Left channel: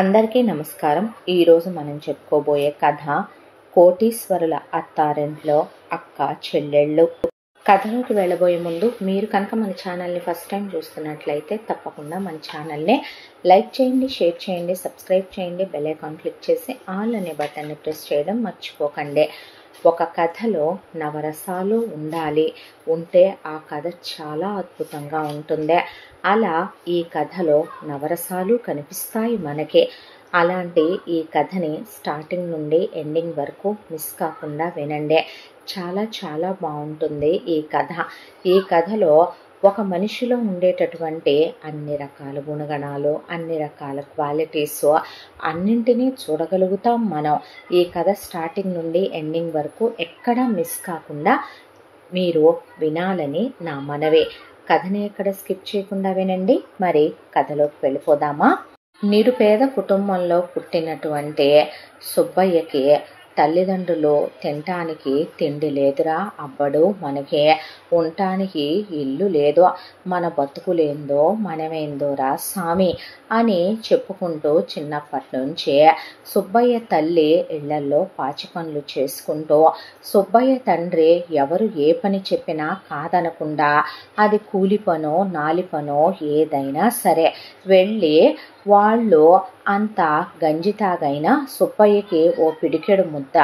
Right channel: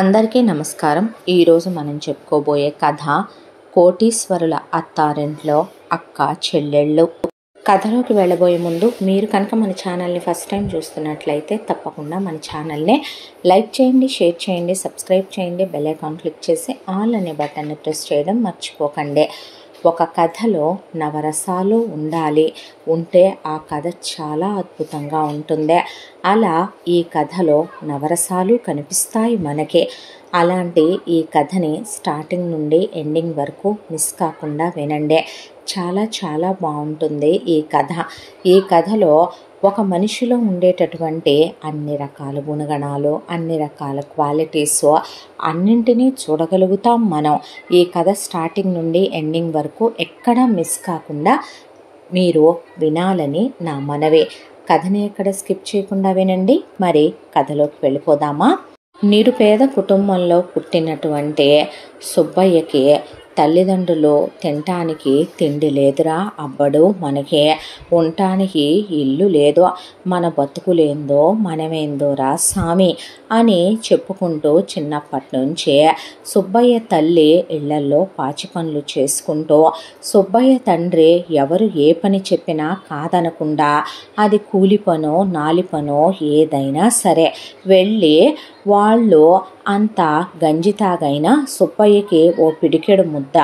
అందరికీ నమస్కారం. ఈరోజు మనం చెప్పుకోబోయే కథ కోటీశ్వరుల అత్తారింట్లో అక్క చెల్లెళ్ళు. కథలోకి వెళ్ళబోయే ముందు మీరు కనుక మన ఛానల్ని ఫస్ట్ టైం చూస్తున్నట్లయితే తప్పకుండా మన ఛానల్ని లైక్ చేయండి, షేర్ చేయండి, సబ్స్క్రైబ్ చేయండి, బెల్ ఐకాన్ క్లిక్ చేసి ఆల్ అనే బటన్ని ప్రెస్ చేయడం మర్చిపోకండి. ఒక కథలో నవరసాలు ఉంటే ఆ కథ చాలా అద్భుతంగా ఉంటుంది. అలా ఈ కథలో నవరసాలు కనిపిస్తాయి మనకి. అలాంటి ఈ కథని స్టార్టింగ్ నుండి ఎండింగ్ వరకు మిస్ కాకుండా వినండి. చాలా చాలా బాగుంటుంది ఈ కథ. ఈ కథలో ఒక మనిషిలో ఉండేటటువంటి అన్ని రకాల గుణగణాలు, అన్ని రకాల క్వాలిటీస్ అన్నింటినీ చూడగలుగుతాం మనం. ఈ కథ స్టార్టింగ్ నుండి ఎండింగ్ వరకు ఎక్కడా మిస్ కాకుండా మీరు వినాలని నా మనవి. కథని ఎక్కడ స్కిప్ చేయకుండా వినండి. మరి కథలోకి వెళ్ళిపోదామా? నిరుపేద కుటుంబంలో పుట్టినటువంటి సుబ్బయ్యకి తల్లిదండ్రులు తినటానికి తిండి లేదురా అబ్బడు, మనకి ఉండటానికి ఇల్లు లేదు, మన బతుకులేందో మనమేందోరా సామి అని చెప్పుకుంటూ చిన్నప్పటి నుంచే సుబ్బయ్య తల్లి ఇళ్లల్లో పాచి పనులు చేసుకుంటూ, సుబ్బయ్య తండ్రి ఎవరు ఏ పని చెప్పినా కాదనకుండా అది కూలి పనో నాలి పనో ఏదైనా సరే వెళ్ళి వాళ్ళు అంత గంజి తాగైనా సుబ్బయ్యకి ఓ పిడికెడు ముద్ద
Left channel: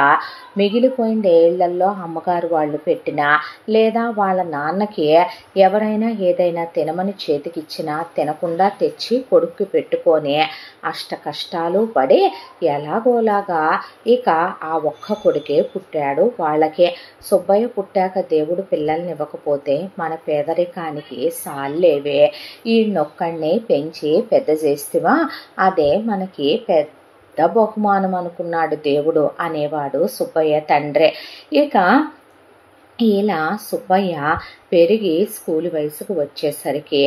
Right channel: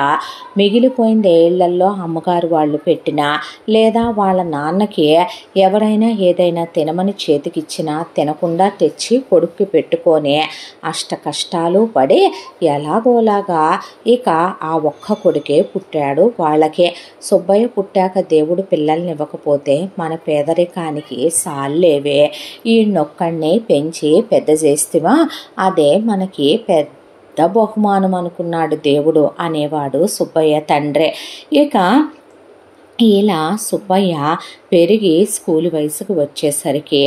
మిగిలిపోయింది ఏళ్లల్లో అమ్మగారు వాళ్ళు పెట్టినా, లేదా వాళ్ళ నాన్నకి ఎవరైనా ఏదైనా తినమని చేతికిచ్చినా తినకుండా తెచ్చి కొడుక్కి పెట్టుకొని అష్ట కష్టాలు పడి ఎలాగోలాగా ఇక ఆ ఒక్క కొడుకే పుట్టాడు వాళ్ళకి. సుబ్బయ్య పుట్టాక దేవుడు పిల్లల్ని ఇవ్వకపోతే మన పేదరికానికి సాల్లేవే, ఈ నొక్కడిని పెంచి పెద్ద చేస్తేవా అదే మనకి పెద్ద బహుమానం అనుకున్నాడు దేవుడు అనేవాడు సుబ్బయ్య తండ్రి. ఇక ఇలా సుబ్బయ్య పెరిగి స్కూల్ వయసుకు వచ్చేసరికి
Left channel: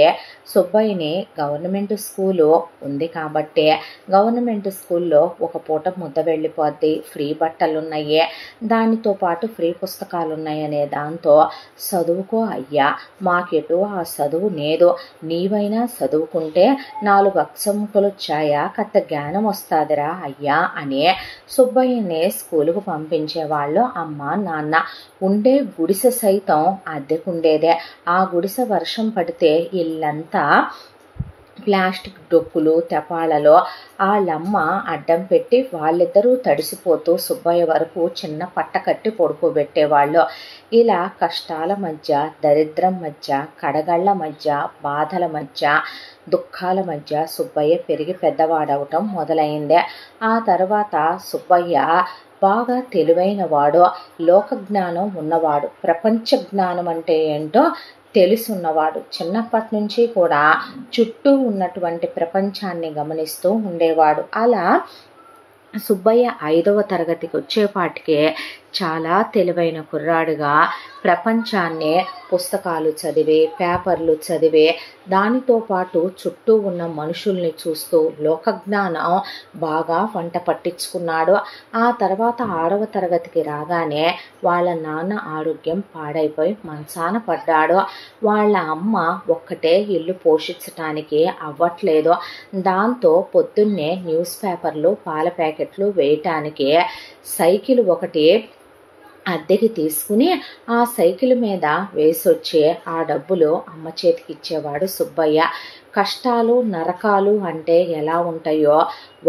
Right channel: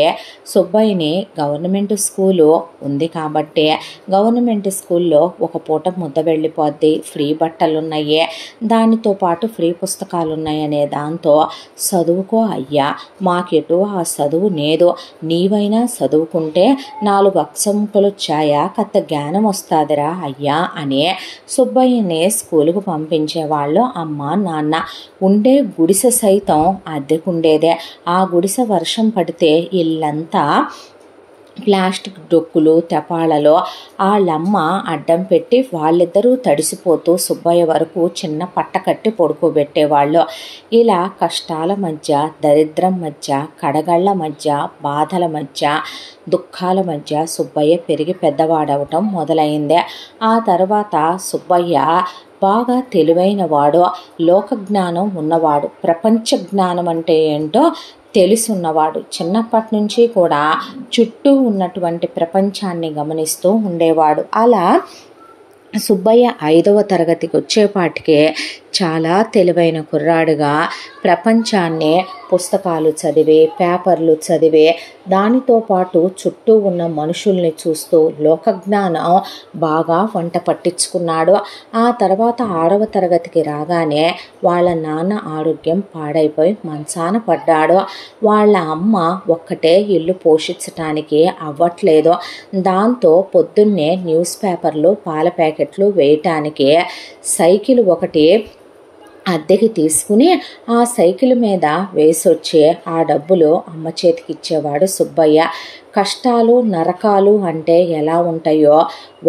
సుబ్బయ్యని గవర్నమెంట్ స్కూలు ఉంది కాబట్టి గవర్నమెంట్ స్కూల్లో ఒక పూట ముద్ద వెళ్ళిపోద్ది, ఫ్రీ బట్టలు ఉన్నాయి, దానితో పాటు ఫ్రీ పుస్తకాలు ఉన్నాయనే దాంతో చదువుకో అయ్యా, మాకెటు ఆ చదువు లేదు, నీవైనా చదువుకుంటే 4 అక్షముకలు వచ్చాయా కత్త జ్ఞానం వస్తుందిరా అయ్యా అని సుబ్బయ్యని స్కూలుకు పంపించేవాళ్ళు అమ్మ నాన్న. ఉండే గుడిసె సైతం అద్దెకుండేదే. ఆ గుడిసె వర్షం పడితే ఇల్లంతా ప్లాస్టిక్ డొక్కులు తెపాలలో వాళ్ళమ్మ అడ్డం పెట్టి వాళ్ళిద్దరూ తడిసిపోతూ సుబ్బయ్య వరకు చిన్న పట్ట కట్టి పడుకోబెట్టేవాళ్ళు. ఇలా కష్టాల మధ్య, దరిద్రం మధ్య, కడగళ్ల మధ్య, బాధల మధ్య, దుఃఖాల మధ్య సుబ్బయ్య పెరిగి పెద్దవాడవటం మొదలైందే. ఆ తర్వాత సుబ్బయ్య బాగా తెలివైన వాడు, లోకజ్ఞానం ఉన్నవాడు, ప్రపంచ జ్ఞానం అంటే ఏంటో తెలుసున్నవాడు. చిన్నప్పటి నుంచి కూడా చుట్టూ ఉన్నటువంటి ప్రపంచాన్ని గమనిస్తూ ఉండేవాడు. అలా సుబ్బయ్య 5వ తరగతికి వచ్చేపాటికే చాలా తెలివైన కుర్రాడుగా ప్రపంచాన్ని పుస్తకాలు చదివి, పేపర్లు చదివి, దానితో పాటు చుట్టూ ఉన్న మనుషుల్ని చూస్తూ లోకజ్ఞానం బాగా వంట పట్టించుకున్నాడు. ఆ తర్వాత 6వ తరగతికి రాగానే వాళ్ళ నాన్న ఆరోగ్యం పాడైపోయి మంచాన పడ్డాడు. వాళ్ళ అమ్మ ఒక్కటే ఇల్లు పోషించటానికి అవ్వట్లేదు. దాంతో పొద్దున్నే న్యూస్ పేపర్లు, పాల ప్యాకెట్లు వేయటానికి సైకిల్ ఒకటి అద్దెకి తీసుకుని ఆ సైకిల్ మీద వేసొచ్చే ఆ డబ్బులు అమ్మ చేతికి ఇచ్చేవాడు సుబ్బయ్య. కష్టాలు నరకాలు అంటే ఎలా ఉంటాయో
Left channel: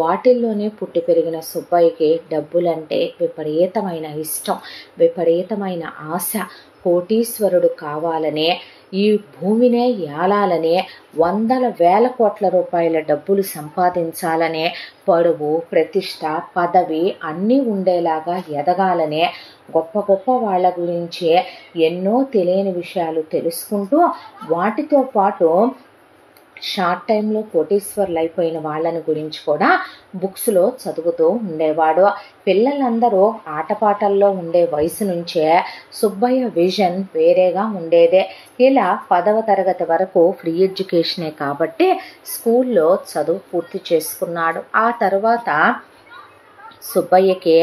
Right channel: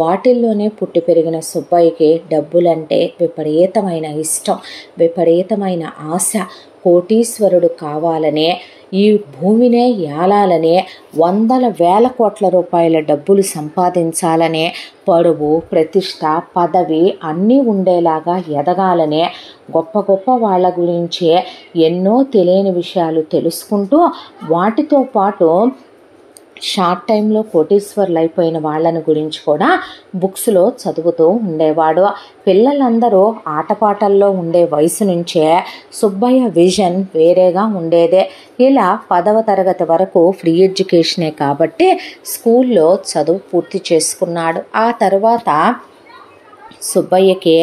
వాటిల్లోనే పుట్టి పెరిగిన సుబ్బయ్యకి డబ్బులంటే విపరీతమైన ఇష్టం, విపరీతమైన ఆశ. కోటీశ్వరుడు కావాలనే, ఈ భూమినే ఏలాలనే, 100,000 కోట్ల రూపాయల డబ్బులు సంపాదించాలనే, పరువు ప్రతిష్ట పదవి అన్నీ ఉండేలాగా ఎదగాలనే, గొప్ప గొప్ప వాళ్ళ గురించే ఎన్నో తెలియని విషయాలు తెలుసుకుంటూ వాటితో పాటు షార్ట్ టైంలో కోటీశ్వర్లు అయిపోయిన వాళ్ళని గురించి కూడా బుక్స్లో చదువుతూ ఉండేవాడు. పిల్లలందరూ ఆటపాటల్లో ఉండే వయసు నుంచే సుబ్బయ్య విజన్ వేరేగా ఉండేదే. ఇలా 10వ తరగతి వరకు ఫ్రీ ఎడ్యుకేషనే కాబట్టి స్కూల్లో చదువు పూర్తి చేసుకున్నాడు. ఆ తర్వాత సుబ్బయ్యకి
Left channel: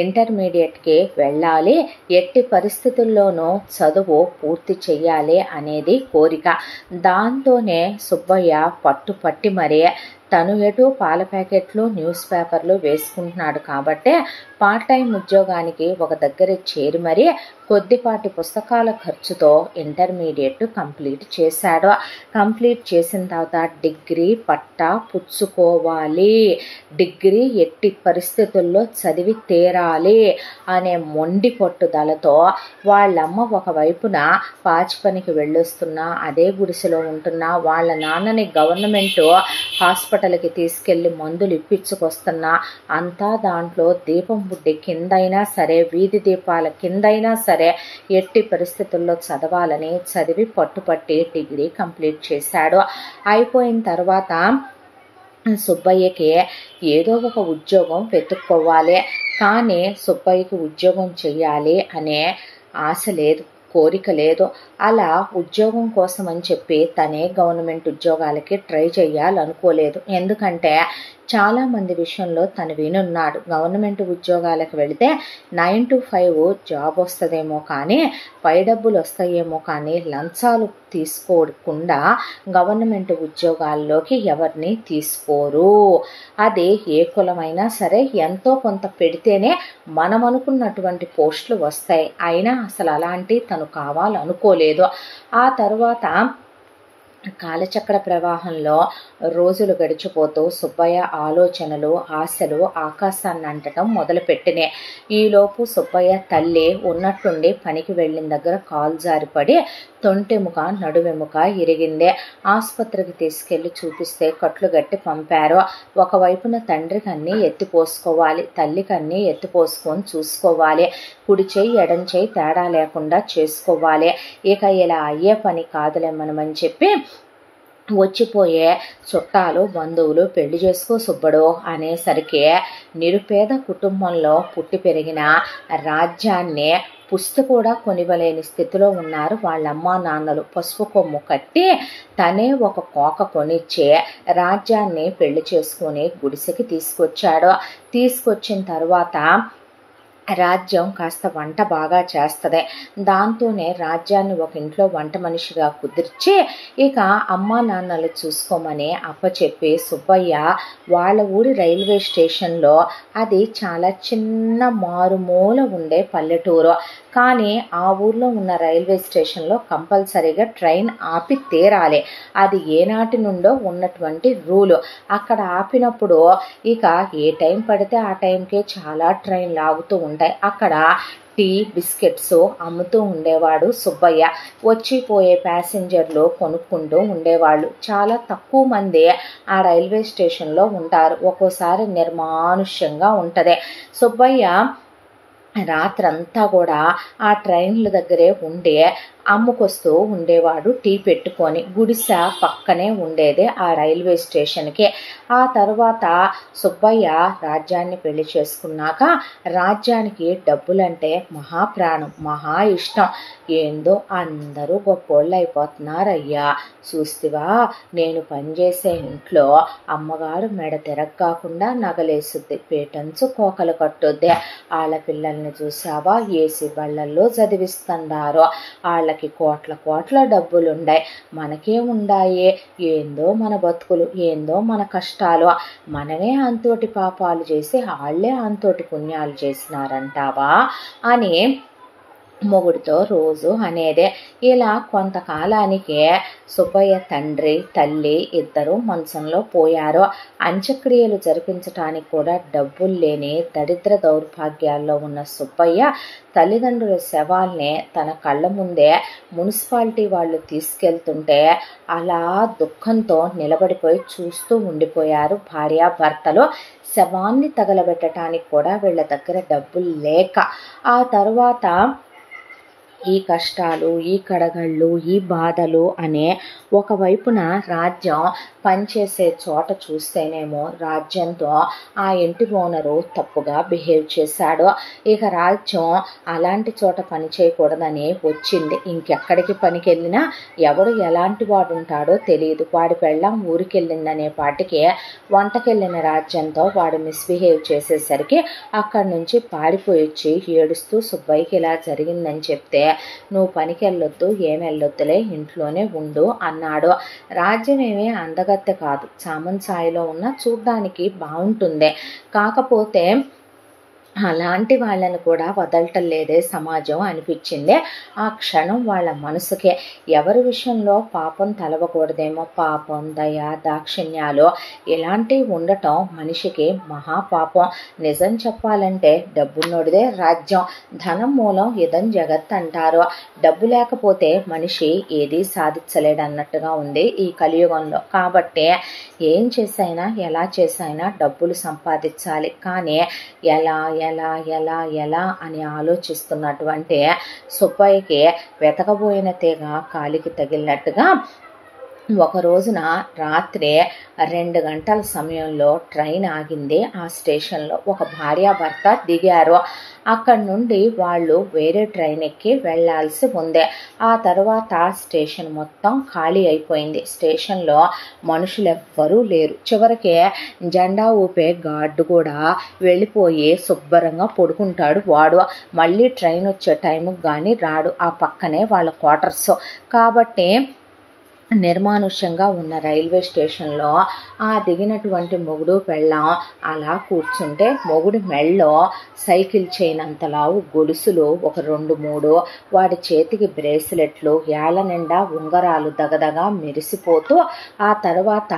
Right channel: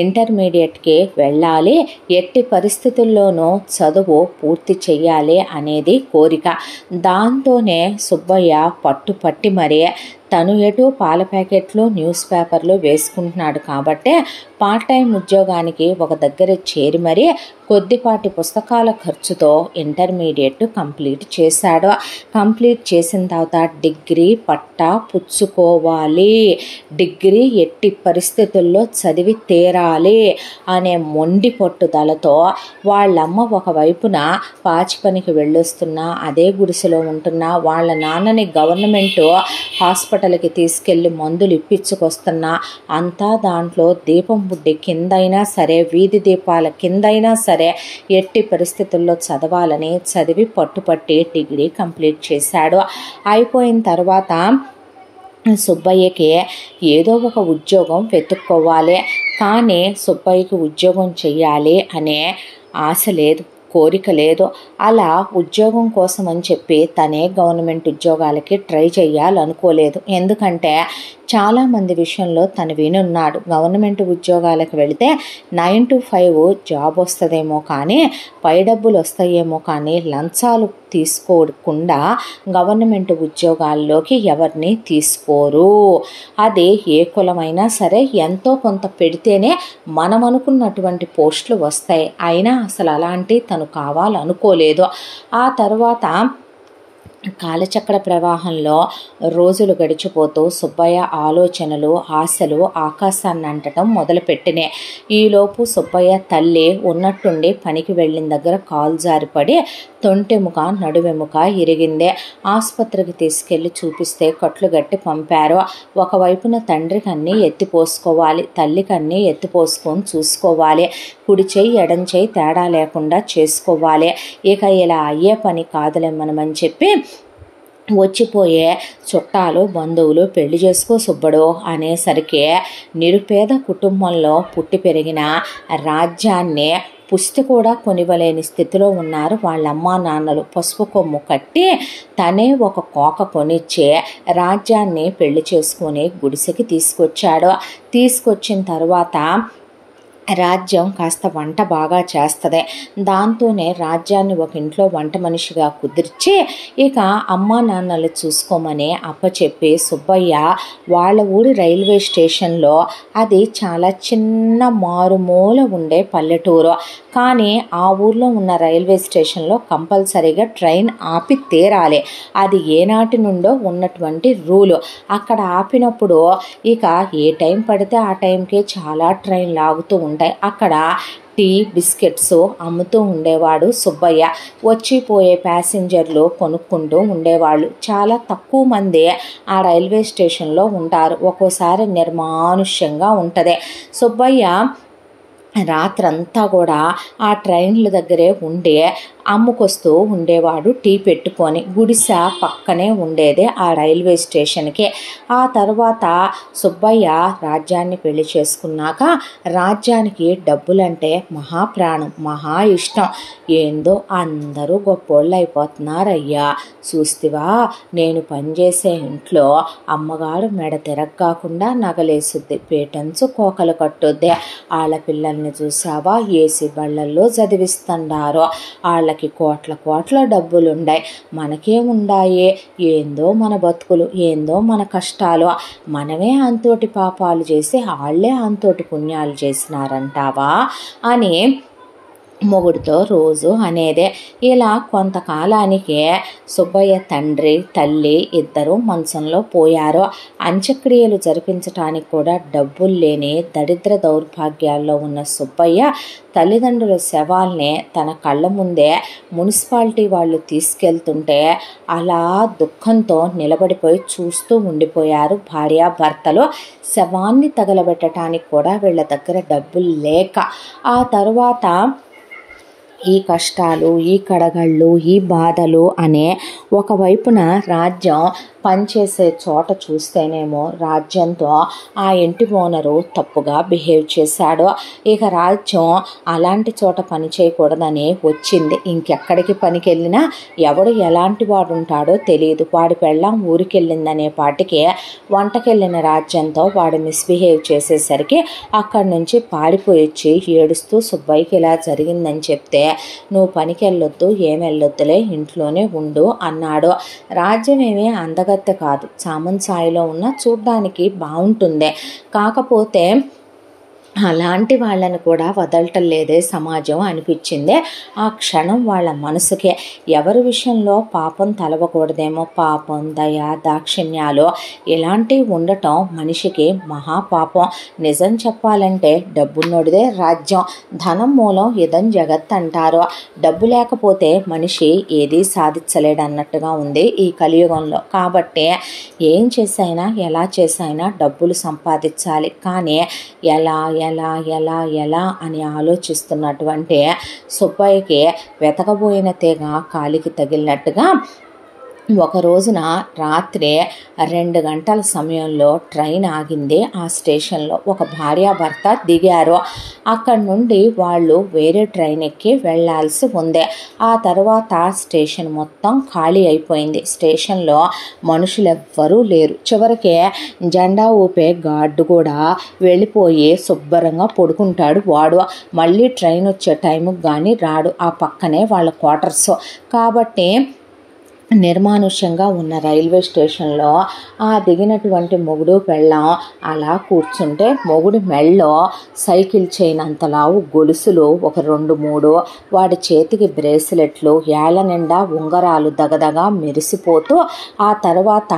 ఇంటర్మీడియట్కి వెళ్ళాలి, ఎట్టి పరిస్థితుల్లోనూ చదువు పూర్తి చెయ్యాలి అనేది కోరిక. దాంతోనే సుబ్బయ్య పట్టుపట్టి మరీ తను ఎటు పాల ప్యాకెట్లు న్యూస్ పేపర్లు వేసుకుంటున్నాడు కాబట్టి పార్ట్ టైం ఉద్యోగానికి ఒక దగ్గర చేరి మరీ కొద్దిపాటి పుస్తకాల ఖర్చుతో ఇంటర్మీడియట్ కంప్లీట్ చేశాడు. కంప్లీట్ చేసిన తర్వాత డిగ్రీ పట్టా పుచ్చుకోవాలి, డిగ్రీ ఎట్టి పరిస్థితుల్లో చదివి తీరాలి అనే మొండి పట్టుదలతో వాళ్ళమ్మ ఒకవైపున పాచి పనికి వెళ్ళొస్తున్నా, అదే గుడిసెలో ఉంటున్నా, వాళ్ళ నాన్నని గవర్నమెంట్ హాస్పిటల్కి తీసుకెళ్ళి మందులు ఇప్పించుకొస్తున్నా, అంతా దాంట్లో దీపం బుడ్డి కిందైనా సరే, వీధి దీపాల కిందైనా సరే ఎట్టి పరిస్థితుల్లో చదవాలని చదివి పట్టుపట్టి డిగ్రీ కంప్లీట్ చేశాడు. అయిపోయిన తర్వాత సుబ్బయ్యకి ఏదో ఒక ఉద్యోగం వెతుక్కోవాలి, కానీ సుబ్బయ్యకి ఉద్యోగం చెయ్యాలి అనే ఆశ లేదు, కోరిక లేదు. అలా ఉద్యోగం కోసం అని చెప్పి తనే గవర్నమెంట్ ఉద్యోగాలకి ట్రై చేయాలనుకోలేదు. ఎందుకంటే చాలామంది విషయంలో తను వినున్నాడు, గవర్నమెంట్ ఉద్యోగాలకు వెళితే 9 to 5 జాబ్ వస్తుందేమో కానీ పై డబ్బులు వస్తాయేమో కానీ లంచాలు తీసుకోకుండా గవర్నమెంట్ ఉద్యోగాల్లోకి ఎవరిని తీసుకోరు. అది ఏ కులమైనా సరే ఎంతో కొంత పెడితేనే మనం అనుకున్నటువంటి పోస్టులు వస్తాయి. అయినా అసలు అలాంటి తను కావాలనుకోలేదు. ఆ తర్వాత కాలచక్ర ప్రవాహంలో రోజులు గడిచిపోతూ సుబ్బయ్య ఆలోచనలు ఆశలు ఆకాశాన్ని అంటడం మొదలుపెట్టినాయి. ఈలోపు సుబ్బయ్య తల్లి ఉన్నట్టుండి పనికి వెళ్ళిన దగ్గర కాలు జారిపడి తొంటెముక నడువెముక ఇరిగిందే. ఆసుపత్రికి తీసుకెళ్లి చూపిస్తే కట్లు గట్టి పంపారు. ఒకవైపున తండ్రికి అన్నీ ఎత్తిపోసుకోవాలి, తల్లికి అన్నీ ఎత్తిపోసుకొని చూసుకోవాలి, కుడి చెయ్యి ఎడం చెయ్యి తేడా లేకుండా చేసుకోవాలి. ఇక ఇలా అయ్యే పని కాదులేమనమని చెప్పి వచ్చిపోయే చుట్టాలు బంధువులు పెళ్లి చేసుకో సుబ్బడు అనేసరికి నిరుపేద కుటుంబంలో పుట్టి పెరిగిన రాజ్యాన్ని పుస్తు కూడా కొనివ్వలేని స్థితిలో ఉన్నారు వాళ్ళ అమ్మా నాన్నలు. పసుపు కొమ్ము కట్టి తనే ఒక కోక కొనిచ్చే రాజ్యాన్ని పెళ్లి చేసుకుని గుడిసెకి తీసుకొచ్చాడు. తీసుకొచ్చిన తర్వాత రాజ్యం కాస్త వంట బాగా చేస్తుంది. దాంతోనే రాజ్యాన్ని ఒక ఇంట్లో వంట మనిషిగా కుదిర్చి ఇక అమ్మా నాన్నలు చూసుకోమని అప్పచెప్పి సుబ్బయ్య వాళ్ళ ఊరి రైల్వే స్టేషన్లో, అది చాలా చిన్న మారుమూల ఉండే పల్లెటూరు, కానీ ఆ ఊర్లో ఉన్న రైల్వే స్టేషన్లో కంపల్సరీగా ట్రైన్ ఆపి తీరాలి. అది ఏనాటి నుండో ఉన్నటువంటి రూలు. అక్కడ ఆపినప్పుడు ఇక ఏ టైం పడితే ఆ టైంకే చాలా ట్రైన్లు ఆగుతూ ఉంటాయి. అక్కడ టీ బిస్కెట్స్ అమ్ముతూ ఉండేవాడు సుబ్బయ్య. వచ్చిపోయే ప్యాసింజర్లు కొనుక్కుంటూ ఉండేవాళ్ళు. చాలా తక్కువ మంది ఆ రైల్వే స్టేషన్లో ఉంటారు. ఒక్కోసారి నిర్మానుష్యంగా ఉంటుంది. సుబ్బయ్య రాత్రంతా కూడా ఆ ట్రైన్ల దగ్గరే ఉండే అమ్ముకొస్తూ ఉండేవాడు టీ పెట్టుకొని. గుడిసె పక్కనే ఉండేదే ఆ రైల్వే స్టేషన్కి. ఆ తర్వాత సుబ్బయ్య రాజ్యాన్ని పెళ్లి చేసుకున్నాక రాజ్యానికి డబ్బులంటే మహాప్రాణం, మహా ఇష్టం. ఏందో అందరూ గొప్పోళ్ళు అయిపోతున్నారయ్యా, చూస్తివా నేను పనిచేసే ఇంట్లో అమ్మగారు మెడ తిరగకుండా నగలేసుద్ది, పేటెన్స్ కోకలు కట్టుద్ది, వాళ్ళ పిల్లల్ని చూసావా ఏసీ బళ్ళల్లో చదివిస్తున్నారు, వాళ్ళకి కోట్ల కోట్ల డబ్బులుండాయి, మనకేముండాయి, ఏందో మన బతుకులు, ఏందో మన కష్టాలు, మనమే అంతోటి పాపాలు చేసి వాళ్ళే అంతోటి పుణ్యాలు చేసినారంటావా అని మొగుడితో రోజు అనేదే. ఇలా కొంతకాలానికే సుబ్బయ్య తండ్రి తల్లి ఇద్దరు మంచంలో పోయారు. అంత్యక్రియలు జరిపించటానికి కూడా డబ్బులు లేని దరిద్ర దౌర్భాగ్యాల్లో ఉన్న సుబ్బయ్య తల్లిదండ్రుల శవాల్ని తన కళ్ళ ముందే మున్సిపాలిటీ వాళ్ళు తీసుకెళ్తుంటే అలా దుఃఖంతో నిలబడిపోయి చూస్తూ ఉండిపోయారు భార్యాభర్తలు. శవాన్ని తగలబెట్టడానికి కూడా వీళ్ళ దగ్గర డబ్బులు లేక ఆ తర్వాత ఈ కష్టాలు, ఈ కడగళ్ళు, ఈ బాధలు అనే ఒకవైపున రాజ్యం పనిచేసే చోట చూస్తేనేమో రాజ్యంతో ఆ ఇంటి ఓనరు తప్పుగా బిహేవ్ చేశాడు. ఇక రాజ్యం అలాంటి చోట పని చేయకూడదని వచ్చింది. ఇంకెక్కడికి పనికి వెళ్ళినా ఎవడు ఎలాంటి వాడు ఉంటాడో తెలియదు. వాడి పెళ్ళాం ఊరికెళ్ళిందనే పాటికి వంటకెళ్ళిన రాజ్యంతో వాడు మిస్బిహేవ్ చేసేసరికి అక్కడి నుంచి పారిపోయి వచ్చి ఏడుస్తూ సుబ్బయ్యకి ఇలా జరిగిందని చెప్తే నువ్వు పనికి వెళ్ళొద్దు, ఏమెళ్ళొద్దులే, ఇంట్లోనే ఉండు అన్నాడు. రాజ్యం ఏమీ అందగత్తె కాదు, సామంత్ స్థాయిలో ఉన్న చూడ్డానికి బాగుంటుంది. కాకపోతే అలాంటి వాళ్ళని కూడా వదలటం లేదే సమాజం అనిపించింది ఆ క్షణం వాళ్ళ మనసుకే. ఎవరి విషయంలో పాపం తలవకూడదేమో, పాపం, దయ, దాక్షిణ్యాలు ఇలాంటివి ఉండటం మనిషికి మహాపాపం. నిజం చెప్పాలంటే డబ్బున్నోడిదే రాజ్యం, ధనం మూలం ఇదం జగత్ అంటారు. డబ్బు లేకపోతే మనిషి ఏదీ సాధించలేడన్నట్టుగా ఉంది ఈ కలియుగంలో. కాబట్టి ఏం చేసైనా ఎలా చేసైనా డబ్బులు సంపాదించాలి, కానీ ఎలా ఎలా ఎలా ఎలా అని ఆలోచిస్తున్నటువంటి సుబ్బయ్యకి వెతకబోయిన తీగ కాలికి తగిలినట్టుగా ఒక రోజున రాత్రి 2 గంటల సమయంలో ట్రైన్ ఆగింది ఆ స్టేషన్లో. ఒక భార్యాభర్త దిగారు. అక్కడి నుండి వాళ్ళు వేరే ట్రైన్ ఎక్కి వెళ్లాల్సి ఉంది. ఆ తర్వాత స్టేషన్ మొత్తం ఖాళీ అయిపోయింది. స్టేషన్లో మనుషులు ఎవ్వరూ లేరు. చివరికి జెండా ఊపే గార్డు కూడా వెళ్ళిపోయి శుభ్రంగా పడుకుంటాడు వాడు. మళ్ళీ ట్రైన్ వచ్చే టైంకి కానీ రాడు. ఆ పక్కనే వాళ్ళ క్వార్టర్స్. కాబట్టి నిర్మానుష్యంగా ఉన్న రైల్వే స్టేషన్లో ఆ దిగినటువంటి మొగుడు పెళ్ళాం అలా కూర్చుంటే మొగుడు మెళ్ళో సైకిల్ చైన్ అంతలావు గొలుసులు ఒక 2-3, వాడి చేతికి బ్రేస్లెట్లు, ఏళ్ల నిండా ఉంగరాలు దగదగా మెరిసిపోతూ, ఆ తర్వాత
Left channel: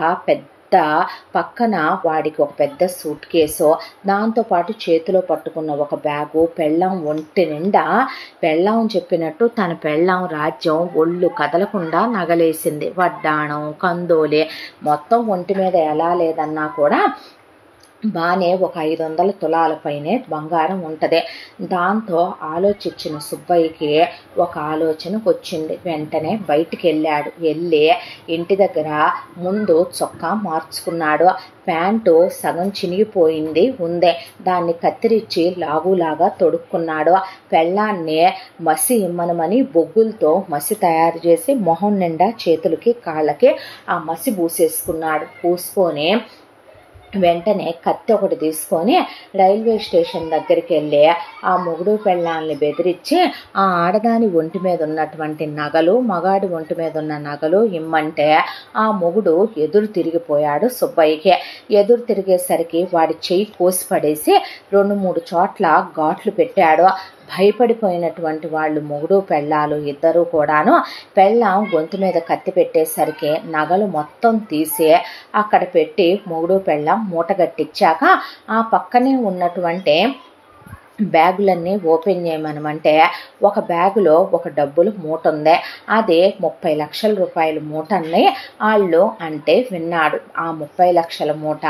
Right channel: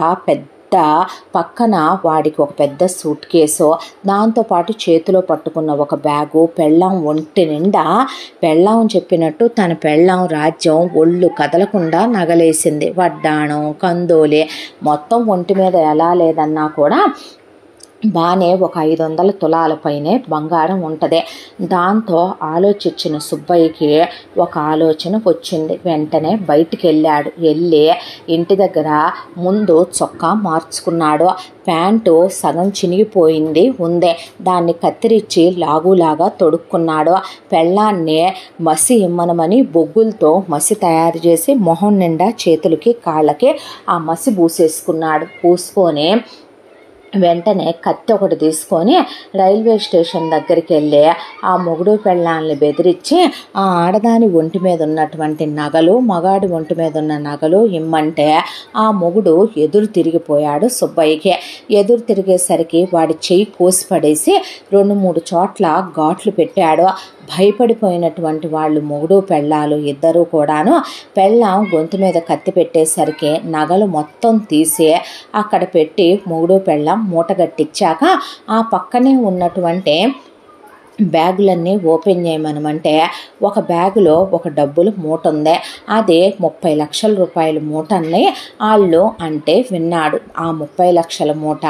పక్కన వాడికి ఒక పెద్ద సూట్ కేసు, దాంతోపాటు చేతిలో పట్టుకున్న ఒక బ్యాగు, పెళ్ళాం ఒంటి నిండా పెళ్ళాం చెప్పినట్టు తన పెళ్ళాం రాజ్యం ఒళ్ళు కదలకుండా నగలేసింది. వడ్డాణం, కందోలే మొత్తం ఒంటి మీద ఎలా లేదన్నా కూడా బాగానే ఒక 500 తులాల పైనే బంగారం ఉంటుంది. దాంతో ఆలోచించిన సుబ్బయ్యకి ఒక ఆలోచనకు వచ్చింది. వెంటనే బయటికి వెళ్ళి ఇంటి దగ్గర ముందు చొక్కా మార్చుకున్నాడు. ప్యాంటు సగం చినిగిపోయింది ఉందే, దాన్ని కత్తిరించి లాగులాగా తొడుక్కున్నాడు. పెళ్ళాన్ని మసి ఇమ్మనమని బొగ్గులతో మసి తయారు చేసి మొహం నిండా చేతులకి కాళ్ళకి ఆ మసి పూసేసుకున్నాడు. పూసుకొని వెంటనే కత్తి ఒకటి తీసుకొని రైల్వే స్టేషన్ దగ్గరికి వెళ్ళి ఆ మొగుడు పెళ్ళాలని బెదిరించి ఆ ఆడదాని ఒంటి మీద ఉన్నటువంటి నగలు, మగాడి ఒంటి మీద ఉన్న నగలు ఇమ్మంటే ఆ మొగుడు ఎదురు తిరిగిపోయాడు సుబ్బయ్యకి. ఎదురు తిరిగేసరికి వాడి చెయ్యి కోసి పడేసి 2-3 చోట్ల ఘాట్లు పెట్టాడు. భయపడిపోయినటువంటి వాళ్ళు మొగుడు పెళ్ళాలు ఇద్దరూ కూడాను పెళ్ళాం గొంతు మీద కత్తి పెట్టేసరికి నగలు మొత్తం తీసి అక్కడ పెట్టి మొగుడు పెళ్ళాం మూటగట్టించాక ఆ పక్కనే ఉన్నటువంటి బ్యాగులన్నీ ఓపెన్ చేయమనమంటే ఒక బ్యాగులో ఒక డబ్బులు మూట ఉంది. అదే 30 లక్షల రూపాయల మూటని వాళ్ళు అంటే విన్నాడు. ఆ 30 లక్షల మూట,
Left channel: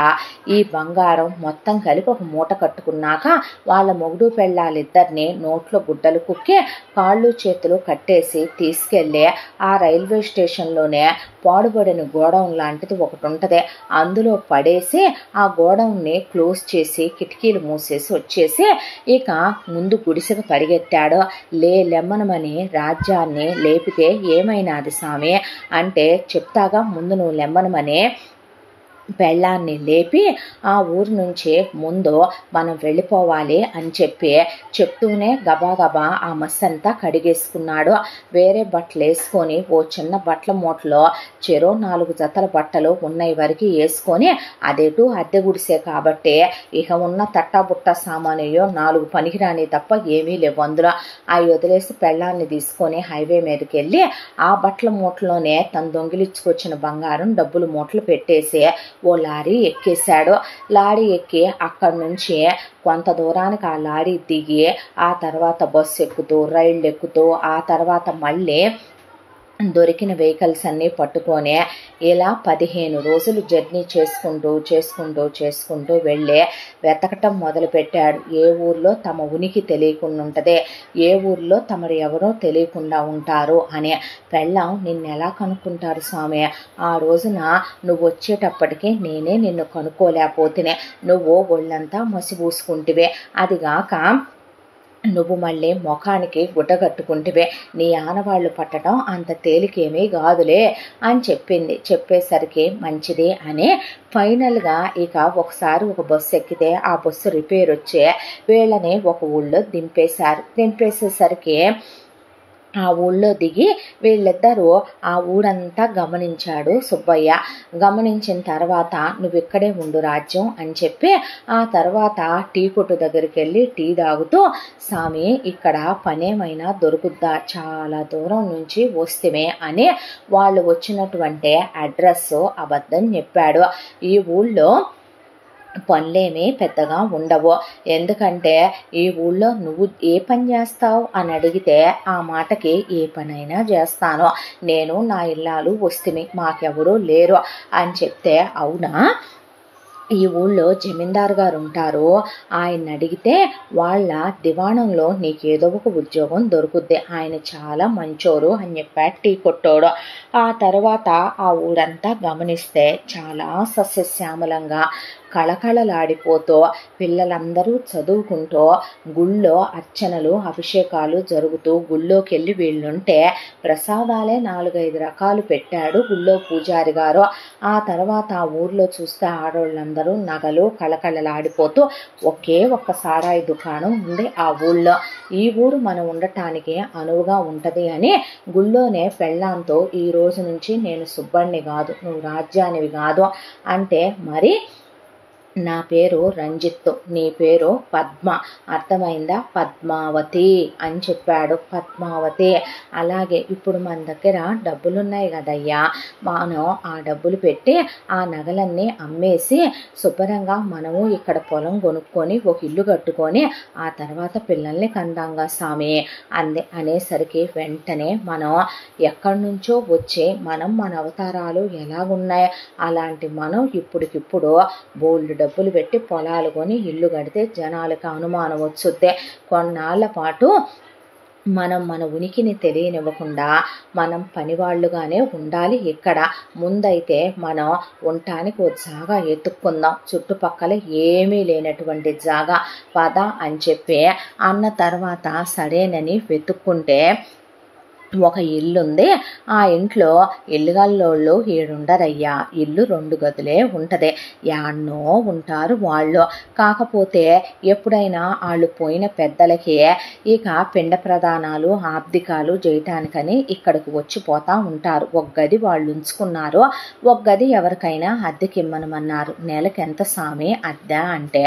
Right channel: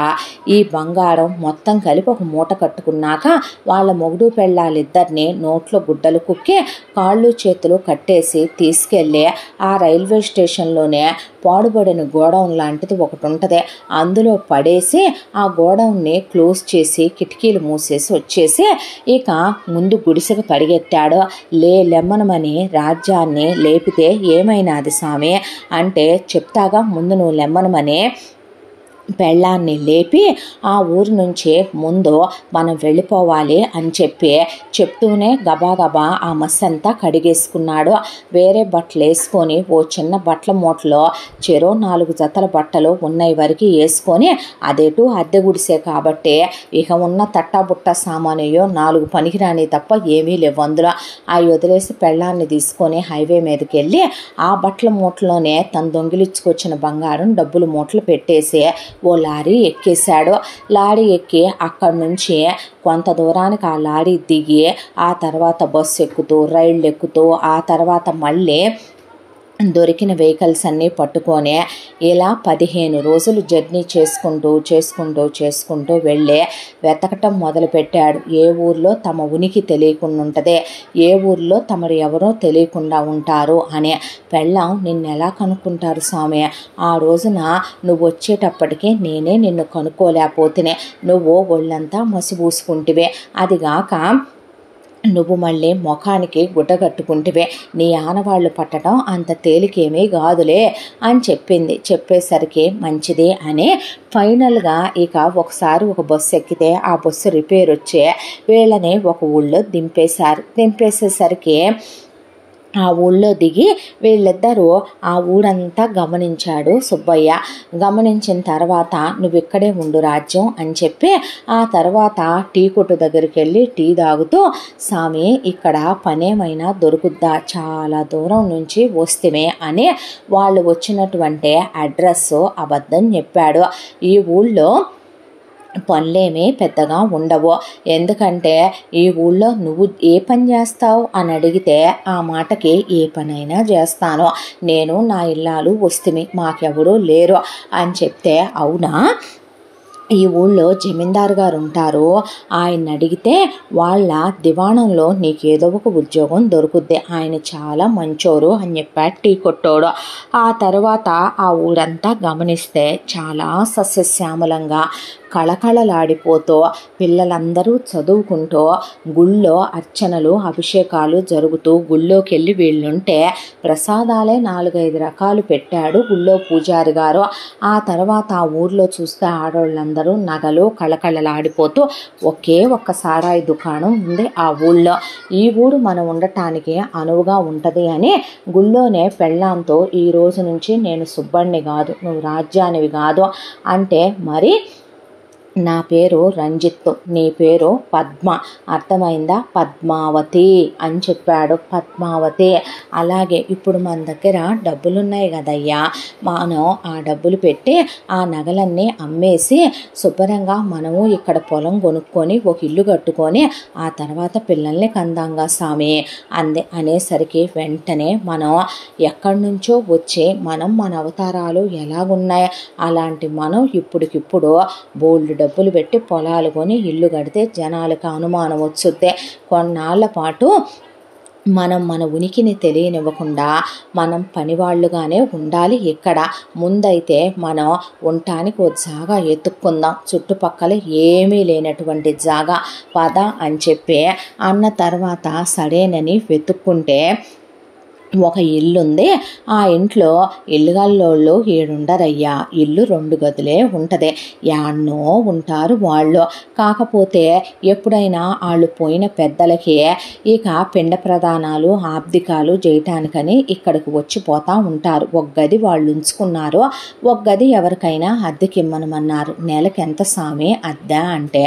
ఈ బంగారం మొత్తం కలిపి ఒక మూట కట్టుకున్నాక వాళ్ళ మొగుడు పెళ్ళాలిద్దరిని నోట్లో గుడ్డలు కుక్కి కాళ్ళు చేతులు కట్టేసి తీసుకెళ్ళి ఆ రైల్వే స్టేషన్లోనే పాడుబడిన గోడౌన్ లాంటిది ఒకటి ఉంటుంది, అందులో పడేసి ఆ గోడౌన్ని క్లోజ్ చేసి కిటికీలు మూసేసి వచ్చేసి ఇక ముందు గుడిసెకు పరిగెత్తాడు. లెమ్మనమని రాజ్యాన్ని లేపితే ఏమైనాది సామి అంటే, చెప్తాగా ముందు నువ్వు లెమ్మనమని పెళ్ళాన్ని లేపి ఆ ఊరు నుంచి ముందు మనం వెళ్ళిపోవాలి అని చెప్తూనే గబాగబా ఆ మస్సంతా కడిగేసుకున్నాడు. వేరే బట్టలు వేసుకొని ఓ చిన్న బట్టల మూటలో చెరో 4 జతల బట్టలు ఉన్నాయి వరకు వేసుకొని, అదేటు అద్దె గుడిసే కాబట్టి ఇక ఉన్న తట్టాబుట్ట సామానయ్యో 4 పనికిరాని తప్ప ఏమీ లేవు అందులో. అవి వదిలేసి పెళ్ళాన్ని తీసుకొని హైవే మీదకి వెళ్ళి ఆ బట్టల మూటలోనే తను దొంగిలించుకొచ్చిన బంగారం డబ్బులు మూటలు పెట్టేసి ఓ లారీ ఎక్కేశాడు. లారీ ఎక్కి అక్కడి నుంచి కొంత దూరానికి ఆ లారీ దిగి ఆ తర్వాత బస్సు ఎక్కుతూ రైళ్ళు ఎక్కుతూ ఆ తర్వాత మళ్ళీ దొరికిన వెహికల్స్ అన్నీ పట్టుకొని ఇలా 15 రోజులు జర్నీ చేసుకుంటూ వెళ్ళి వెతకటం మొదలుపెట్టాడు. ఏ ఊర్లో తమ ఉనికి తెలియకుండా ఉంటుంది, ఏ ఊర్లో తమరు ఎవరో తెలియకుండా ఉంటారు అని. పెళ్ళాం నిన్నెలా కనుక్కుంటారు స్వామి, ఆ రోజున నువ్వు వచ్చేటప్పటికి నేనే నిన్ను కనుక్కోలేకపోతేనే, నువ్వు ఒళ్ళంతా మసిపూసుకుంటివే, అదిగాక నువ్వు మళ్ళీ ముఖానికి గుడ్డ కట్టుకుంటివే, నీ ఆనవాళ్ళు పట్టడం అంత తేలికేమీ కాదులే అని చెప్పేసరికి మంచిది అని ఫైనల్గా ఇక ఒకసారి ఒక బస్సు ఎక్కితే ఆ బస్సు రిపేర్ వచ్చే వీళ్ళని ఒక ఊళ్ళో దింపేసేసరికి ఆ ఊళ్ళో దిగి వీళ్ళిద్దరూ ఆ ఊరంతా గమనించాడు సుబ్బయ్య. గమనించిన తర్వాత నువ్వు ఇక్కడే ఉండు రాజ్యం అని చెప్పి ఆ తర్వాత టీ కొట్టు దగ్గరికి వెళ్ళి టీ తాగుతూ, స్వామి ఇక్కడ పనేమైనా దొరుకుద్దా, చాలా దూరం నుంచి వస్తేమే అని వాళ్ళు వచ్చినటువంటి అడ్రస్ అబద్ధం చెప్పాడు. ఈ ఊళ్ళో పనులేమీ పెద్దగా ఉండవు, ఎందుకంటే ఈ ఊళ్ళో నువ్వు ఏ పని చేస్తావు అని అడిగితే ఆ మాటకి ఏ పనైనా చేస్తాను, నేను నా ఇల్లాలు వస్తుమి, మాకెవరూ లేరు అని చెప్తే, అవునా ఈ ఊళ్ళో జమీందారు గారు ఉంటారు, ఆయన అడిగితే వాళ్ళ దివాణంలో నీకేదో ఒక ఉద్యోగం దొరుకుద్ది, ఆయన చాలా మంచోరు అని చెప్పాడు టీ కొట్టోడు. ఆ తర్వాత ఆ ఊరంతా గమనిస్తే చాలా సస్యశ్యామలంగా కళకళలాడిపోతూ పిల్లలందరూ చదువుకుంటూ గుళ్ళో అర్చనలు అభిషేకాలు జరుగుతూ గుళ్ళోకి వెళ్ళి వీళ్ళుంటే ప్రసాదాలే 4-5 రకాలు పెట్టాడు గుళ్ళో పూజారి గారు. ఆ తర్వాత ఆ ఊర్లో చూస్తే ఆడవాళ్ళందరూ నగలు కళకళలాడిపోతూ ఒకే ఒక్క సారాయి దుకాణం ఉంది ఆ ఊళ్ళో. ఈ ఊరు మనం ఉండటానికి అనువుగా ఉంటుంది అని గుళ్ళోనే పెళ్ళాంతో ఈ రోజు నుంచి నేను సుబ్బణ్ణి కాదు, నువ్వు రాజ్యానివి కాదు అంటే, మరి నా పేరు రంజిత్తు, నీ పేరు పద్మ, అర్థమైందా, పద్మావతి అని చెప్పాడు. పద్మావతి, అలాగే ఇప్పుడు మన దగ్గర డబ్బులున్నాయి కదయ్యా, మనం ఆ డబ్బులు పెట్టి ఆ నగలన్నీ అమ్మేసి శుభ్రంగా మనము ఇక్కడ పొలం కొనుక్కొని ఒక ఇల్లు కట్టుకొని ఆ తర్వాత పిల్లల్ని కందాంగా స్వామి అనేసరికి వెంటనే మనం ఎక్కడి నుంచో వచ్చి మన అవతారాలు ఎలాగున్నాయి, అలాంటి మనం ఇప్పటికిప్పుడు బోల్డ్ డబ్బులు పెట్టి పొలాలు కొని ఇల్లు కడితే జనాలకు అనుమానం వచ్చుద్దే. కొన్నాళ్ల పాటు మన ఉనికిని తెలియనివ్వకుండా మనం పనివాళ్ళుగానే ఉండాలి. ఇక్కడ ముందైతే మనం ఉండటానికి ఒక జాగా ఎత్తుక్కుందాం, చుట్టుపక్కల ఏమీ లేనటువంటి జాగా పద అని చెప్పి అన్న తర్వాత సరేనని వెతుక్కుంటే ఒక ఇల్లుంది. ఆ ఇంట్లో ఇల్లుగల్లోళ్ళు 7 ఉండరయ్యా, ఇల్లు 2 గదులే ఉంటుంది, యాడ్నో ఉంటారు వాళ్ళు. కాకపోతే ఎప్పుడైనా వాళ్ళు పోయిన పెద్దలకి ఇక పిండ ప్రదానాలు ఆబ్దికాలు చేయటానికని ఇక్కడికి వచ్చిపోతూ ఉంటారు. ఒక గది వాళ్ళు ఉంచుకున్నారు, ఒక గది ఎవరికైనా అద్దెకిమ్మనమన్నారు. నెలకి ఎంత స్వామి అద్దె అంటే,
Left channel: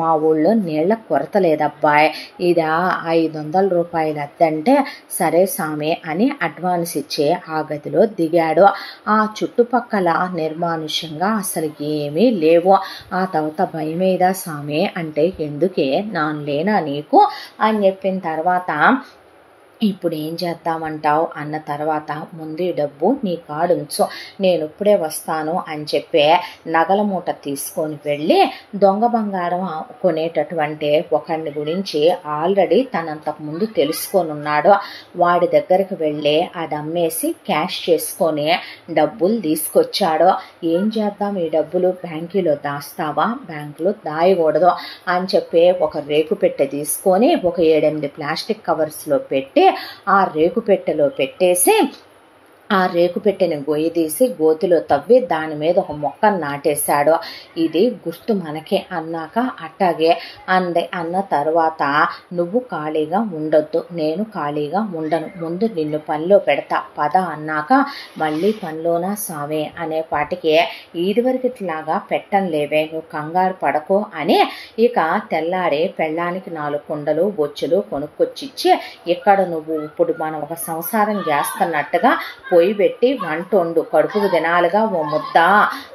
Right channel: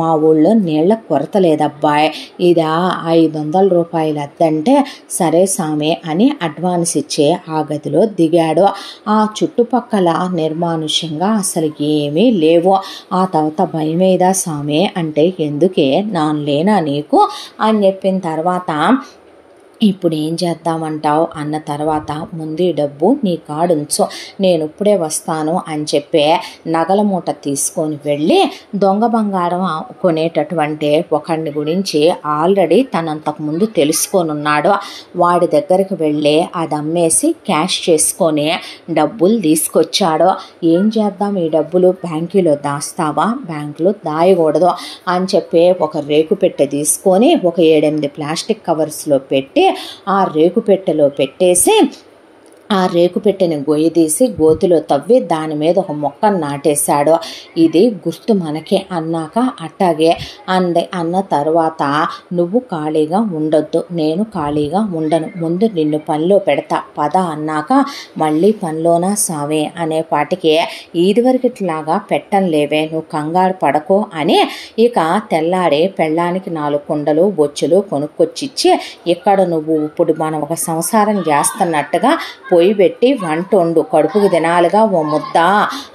మా ఊళ్ళో నీళ్ళ కొరత లేదబ్బాయి, ఇదా 500 రూపాయలు అద్దె అంటే, సరే స్వామి అని అడ్వాన్స్ ఇచ్చే ఆ గదిలో దిగాడు. ఆ చుట్టుపక్కల నిర్మానుష్యంగా అసలు ఏమీ లేవు. ఆ తర్వాత భయమేదా స్వామి అంటే, ఎందుకే నాను లేనా నీకు అని చెప్పిన తర్వాత, ఇప్పుడు ఏం చేద్దామంటావు అన్న తర్వాత, ముందు డబ్బు నీ కాడుంచు, నేను ఇప్పుడే వస్తాను అని చెప్పి నగల మూట తీసుకొని వెళ్ళి దొంగ బంగారం కొనేటటువంటి ఒకడిని గురించి ఆల్రెడీ తనంతకుముందు తెలుసుకొని ఉన్నాడు. వాడి దగ్గరికి వెళ్ళి అది అమ్మేసి క్యాష్ చేసుకొని డబ్బులు తీసుకొచ్చాడు. ఏం చేద్దాం ఈ డబ్బులు, బ్యాంకులో దాస్తావా, బ్యాంకులో దాయకూడదు అని చెప్పి ఒక రేకు పెట్టె తీసుకొని ఒక 7-8 ప్లాస్టిక్ కవర్స్లో పెట్టి ఆ రేకు పెట్టెలో పెట్టేసి ఆ రేకు పెట్టెని గొయ్యి తీసి గోతిలో తవ్వి దాని మీద ఒక మొక్కను నాటేశాడు. ఇది గుర్తు మనకే అన్నాక అట్టాగే అంది. అన్న తర్వాత, నువ్వు ఖాళీగా ఉండొద్దు, నేను ఖాళీగా ఉండను, ముందు నిన్ను పనిలో పెడతా పద అన్నాక, మళ్ళీ పనిలోనా సావే అనేపాటికి, ఇదివరకిట్లాగా పెట్టంలేవే, నువ్వు కంగారు పడకో అని ఇక తెల్లాడే పెళ్ళానికి 4 కుండలు బొచ్చులు కొనుక్కొచ్చిచ్చి, ఇక్కడ నువ్వు ఇప్పుడు మనం ఒక సంసారం చేస్తున్నట్టుగా పొయ్యి పెట్టి వంట వండు, కడుపుకు తినాలిగా ఓ ముద్ద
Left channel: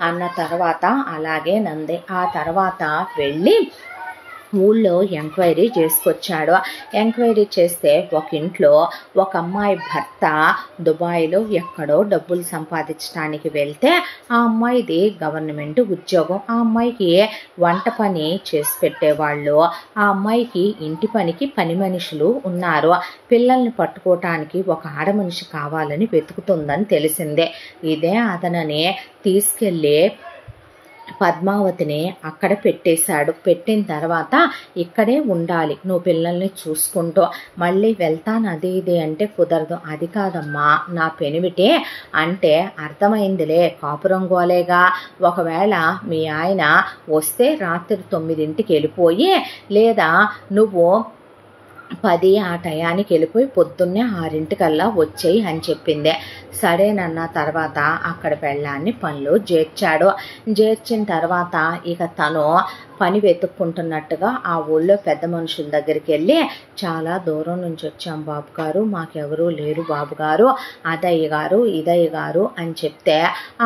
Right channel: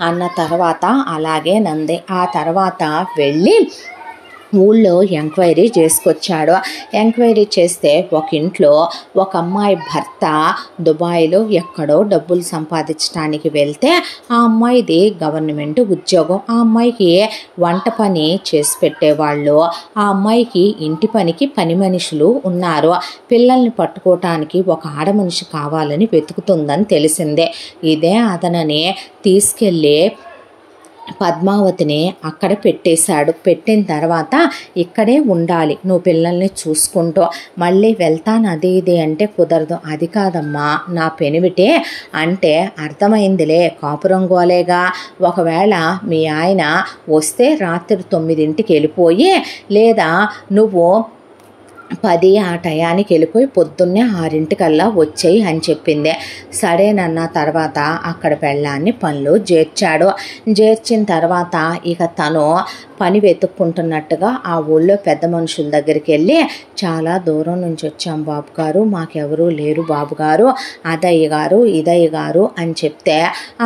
అన్న తర్వాత అలాగే నంది. ఆ తర్వాత వెళ్ళి ఊళ్ళో ఎంక్వైరీ చేసుకొచ్చాడు. ఎంక్వైరీ చేస్తే ఒక ఇంట్లో ఒక అమ్మాయి భర్త దుబాయ్లో ఎక్కడో డబ్బులు సంపాదించడానికి వెళ్తే ఆ అమ్మాయిది గవర్నమెంట్ ఉద్యోగం. ఆ అమ్మాయికి వంట పని చేసి పెట్టేవాళ్ళు, ఆ అమ్మాయికి ఇంటి పనికి పని మనుషులు ఉన్నారు. పిల్లల్ని పట్టుకోవటానికి ఒక ఆడమనిషి కావాలని వెతుకుతుందని తెలిసిందే. ఇదే అతనని తీసుకెళ్ళి పద్మావతిని అక్కడ పెట్టేశాడు. పెట్టిన తర్వాత, ఇక్కడే ఉండాలి, నువ్వు పిల్లల్ని చూసుకుంటూ, మళ్ళీ వెళ్తాను అది ఇది అంటే కుదరదు. అది కాదమ్మా నా పెనివిటే అంటే, అర్థమైందిలే కాపురం గోలేగా, ఒకవేళ మీ ఆయన వస్తే రాత్రి 9ంటికి వెళ్ళిపోయి, లేదా నువ్వు 10 ఆ టయానికి వెళ్ళిపోయి పొద్దున్నే 6 వచ్చేయి అని చెప్పింది. సరేనన్న తర్వాత అక్కడ పెళ్ళాన్ని పనులు చేర్చిన తర్వాత ఇక తను పని వెతుక్కుంటున్నట్టుగా ఆ ఊళ్ళో పెద్ద మనుషుల దగ్గరికి వెళ్ళి, చాలా దూరం నుంచి వచ్చాం బాబు గారు, మాకెవరూ లేరు బాబు గారు, అదయ్య గారు ఇదయ్య గారు అని చెప్తే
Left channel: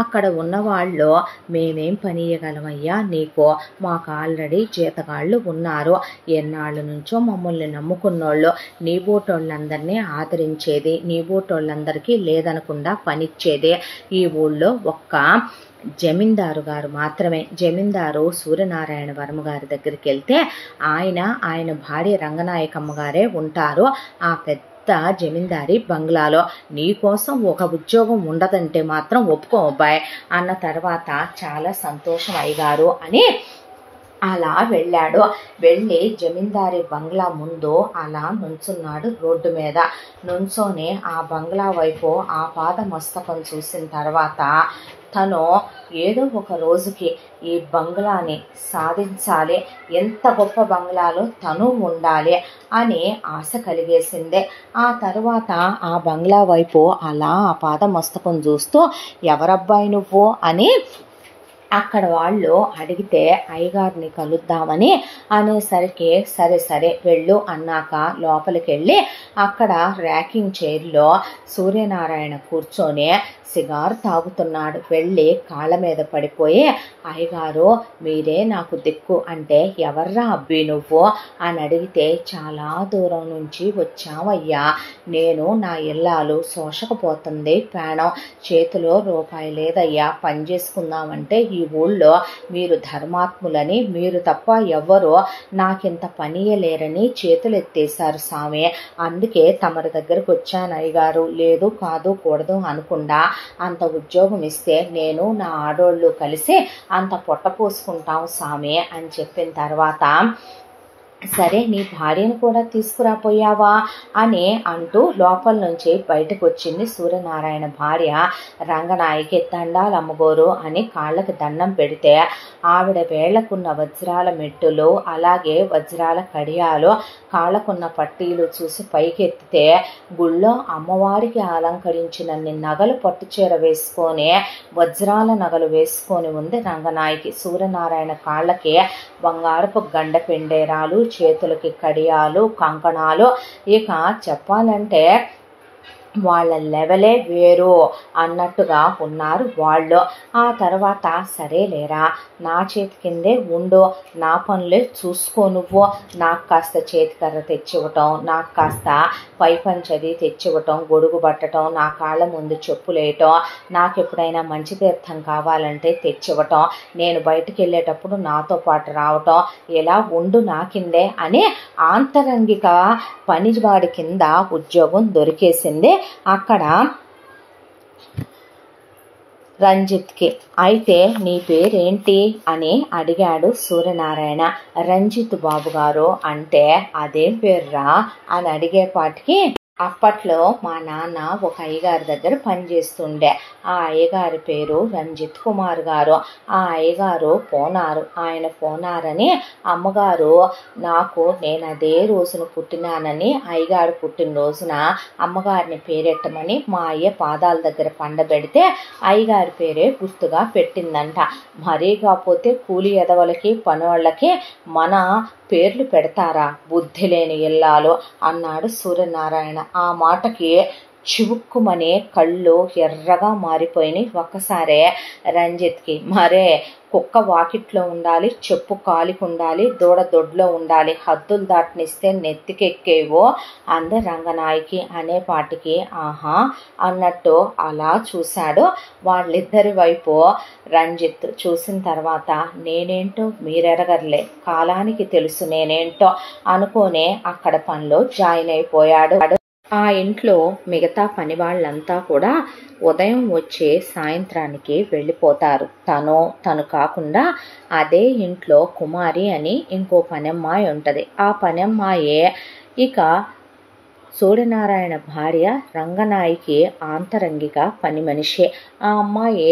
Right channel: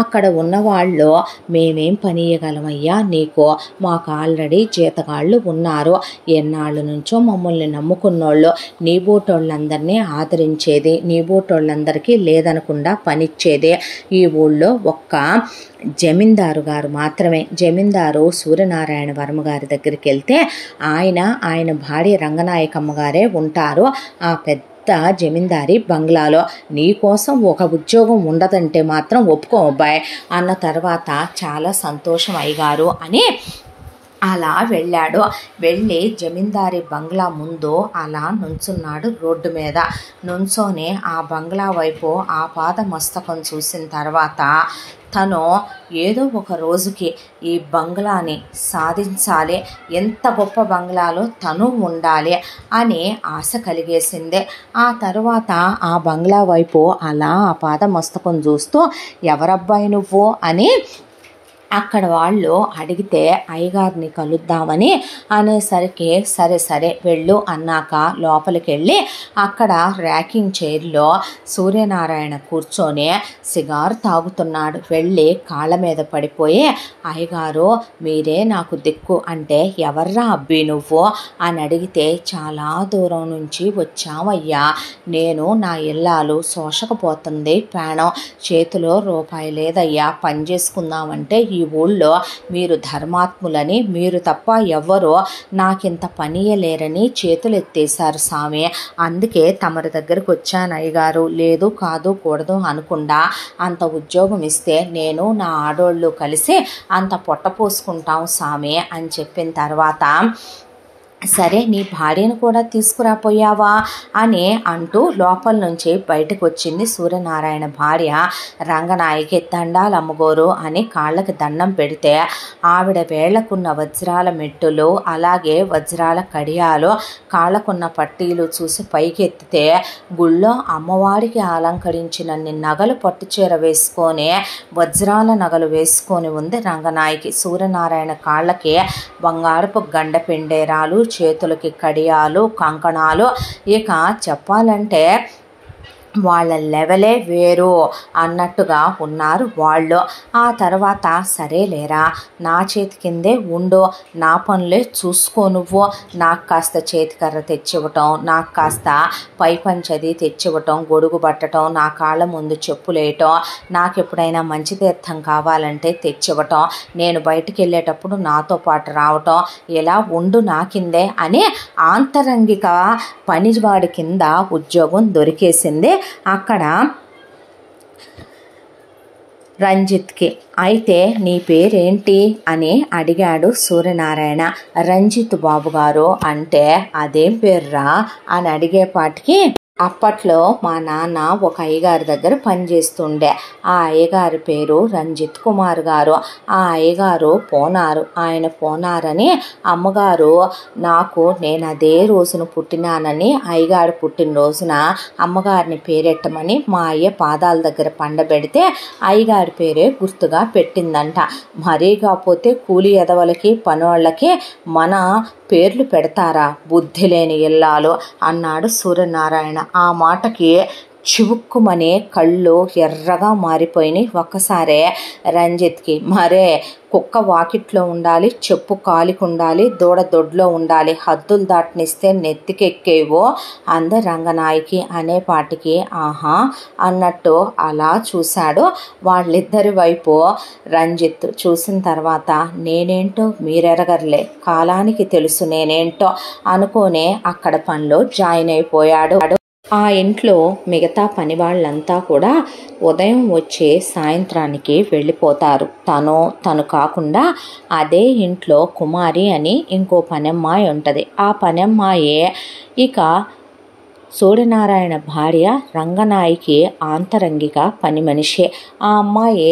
అక్కడ ఉన్నవాళ్ళు, మేమేం పని ఇవ్వగలమయ్యా నీకు, మాకు ఆల్రెడీ జీతగాళ్ళు ఉన్నారు, ఎన్నాళ్ళ నుంచో మమ్మల్ని నమ్ముకున్నోళ్ళు, నీ బోటోళ్ళందరినీ ఆదరించేది, నీ బోటోళ్ళందరికీ లేదనకుండా పనిచ్చేది ఈ ఊళ్ళో ఒక్క జమీందారు గారు మాత్రమే. జమీందారు సూర్యనారాయణ వర్మ గారి దగ్గరికి వెళ్తే ఆయన భార్య రంగనాయకమ్మ గారే ఉంటారు ఆ పెద్ద జమీందారి బంగ్లాలో, నీకోసం ఒక ఉద్యోగం ఉండదంటే మాత్రం ఒప్పుకో అబ్బాయి అన్న తర్వాత చాలా సంతోషం అయ్యగారు అని అలా వెళ్ళాడు. వెళ్ళి జమీందారి బంగ్లా ముందు అలా నుంచున్నాడు. రోడ్డు మీద నుంచొని ఆ బంగ్లా వైపు ఆ పాద మస్తకం చూసిన తర్వాత తను ఏదో ఒక రోజుకి ఈ బంగ్లాని సాధించాలి, ఎంత గొప్ప బంగ్లాలో తను ఉండాలి అని ఆశ కలిగేసింది. ఆ తర్వాత ఆ బంగ్లా వైపు అలా ఆ పాద మస్తకం చూస్తూ, ఎవరబ్బాయి నువ్వు అని అక్కడ వాళ్ళు అడిగితే అయ్యగారిని కలుద్దామని అనేసరికి సరే వెళ్ళు అన్నాక లోపలికి వెళ్ళి అక్కడ ర్యాకింగ్ చైర్లో సూర్యనారాయణ కూర్చొని సిగారు తాగుతున్నాడు. వెళ్ళి కాళ్ళ మీద పడిపోయి, అయ్యగారు మీరే నాకు దిక్కు అంటే, ఎవర్రా అబ్బి నువ్వు అని అడిగితే, చాలా దూరం నుంచి వచ్చామయ్యా, నేను నా ఇల్లాలు శోషకపోతుంది, ప్రాణం చేతిలో రూపాయి లేదయ్యా, పని చేసుకుందామంటే ఈ ఊళ్ళో మీరు ధర్మాత్ములని, మీరు తప్ప ఎవ్వరూ నాకింత పనియలేరని చేతులు ఎత్తేశారు స్వామి, అందుకే తమరి దగ్గరకు వచ్చాను అయ్యగారు, లేదు కాదు కూడదు అనకుండా అంత ఉద్యోగం ఇస్తే నేను నా ఆడోళ్ళు కలిసి అంత పొట్ట పోసుకుంటాం స్వామి అని చెప్పిన తర్వాత, సరే నీ భార్యను కూడా తీసుకురాపోయావా అని అంటూ లోపల నుంచి బయటకు వచ్చింది సూర్యనారాయణ భార్య రంగనాయకి. దండాలమ్మగోరు అని కాళ్ళకి దండం పెడితే ఆవిడ వేళ్లకున్న వజ్రాల మెట్టులు, అలాగే వజ్రాల కడియాలు, కాళ్ళకున్న పట్టీలు చూసి పైకెత్తితే గుళ్ళో అమ్మవారికి అలంకరించినన్ని నగలు పట్టుచీర వేసుకొని, వజ్రాల నగలు వేసుకొని ఉంది రంగనాయకి. సూర్యనారాయణ కాళ్ళకి బంగారపు గండ పెండేరాలు, చేతులకి కడియాలు, కంకణాలు, ఇక చెప్పాలంటే వాళ్ళ లెవెలే వేరు అన్నట్టుగా ఉన్నారు వాళ్ళు. ఆ తర్వాత సరేలేరా, నా చేతి కిందే ఉండు, నా పనులే చూసుకో నువ్వు, నాకు కాస్త చేతికర్ర తెచ్చివ్వటం, నాకు కాస్త పై పంచది తెచ్చివ్వటం, గొడుగు పట్టడం, నా కాళ్ళ ముందు చెప్పులేయటం, నాకు ఎప్పుడైనా మంచి తీర్థం కావాలంటే తెచ్చివ్వటం, నేను బయటికి వెళ్ళేటప్పుడు నాతో పాటు రావటం, ఇలా ఉండు నా కిందే అని ఆంతరంగిక పనివాడి కింద ఉద్యోగం దొరికేసింది అక్కడ రంజిత్కి. అయితే నీ పేరేంటి అని అడిగాడు సూర్యనారాయణ. రంజిత్ బాబు గారు అంటే, అదేం పేర్రా అని అడిగేపాటికి, అప్పట్లో మా నాన్న ఒక అయ్యగారి దగ్గర పనిచేస్తుండే, ఆ అయ్యగారి పేరు రంజిత్ కుమార్ గారు, ఆ అయ్యగారు పోనారు, ఆయన పోనారని అమ్మగారు నాకు, నేను అదే రోజున పుట్టినానని అయ్యగారు పుట్టినరోజున అమ్మగారిని పేరెట్టమని మా అయ్య పాదాల దగ్గర పండబెడితే అయ్యగారి పేరే గుర్తుగా పెట్టిందంట. మరీ కాకపోతే కూలి ఎదవలకి పనోళ్ళకి మన పేర్లు పెడతారా, బుద్ధి లేని ఇల్లాలు అన్నాడు సూర్యనారాయణ. ఆ మాటకి చివుక్కుమనే కళ్ళు ఎర్రగా మారిపోయినాయి ఒక్కసారే రంజిత్కి. మరే కుక్క వాకిట్లో ఉండాలి, చెప్పు కాలికి ఉండాలి, దూడ దొడ్లో ఉండాలి, హద్దులు దాటనిస్తే నెత్తికెక్కేవో అంద రంగనాయకి అనేపాటికి ఆహా అన్నట్టు అలా చూశాడు. వాళ్ళిద్దరి వైపు రంజిత్ చూసిన తర్వాత, నేనేంటో మీరెరగర్లే, కాలానికి తెలుసు నేనేంటో అనుకోనే అక్కడ పనిలో జాయిన్ అయిపోయాడు. ఆ ఇంట్లో మిగతా పని వాళ్ళంతా కూడా ఉదయం వచ్చే సాయంత్రానికి వెళ్ళిపోతారు. తను కాకుండా అదే ఇంట్లో కుమారి అని ఇంకో పనమ్మాయి ఉంటుంది. ఆ పనమ్మాయే ఇక సూర్యనారాయణ భార్య రంగనాయకి ఆంతరంగిక పని మనిషి. ఆ అమ్మాయి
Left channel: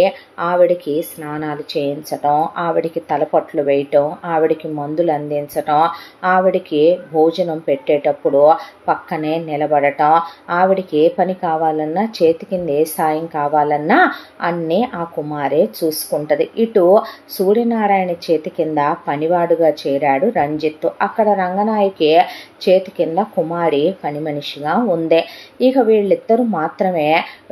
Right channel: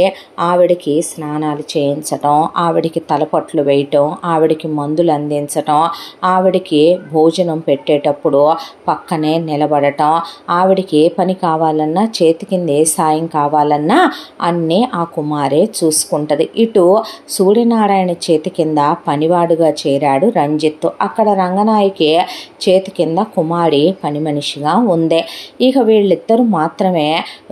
ఆవిడికి స్నానాలు చేయించటం, ఆవిడికి తలపట్లు వేయటం, ఆవిడికి మందులు అందించటం, ఆవిడికి భోజనం పెట్టేటప్పుడు పక్కనే నిలబడటం, ఆవిడికి ఏ పని కావాలన్నా, చేతి కింద ఏ సాయం కావాలన్నా అన్నీ ఆ కుమారే చూసుకుంటుంది. ఇటు సూర్యనారాయణ చేతి కింద పనివాడుగా చేరాడు రంజిత్. అక్కడ రంగనాయకి చేతి కింద కుమారి పని మనిషిగా ఉంది. ఇక వీళ్ళిద్దరూ మాత్రమే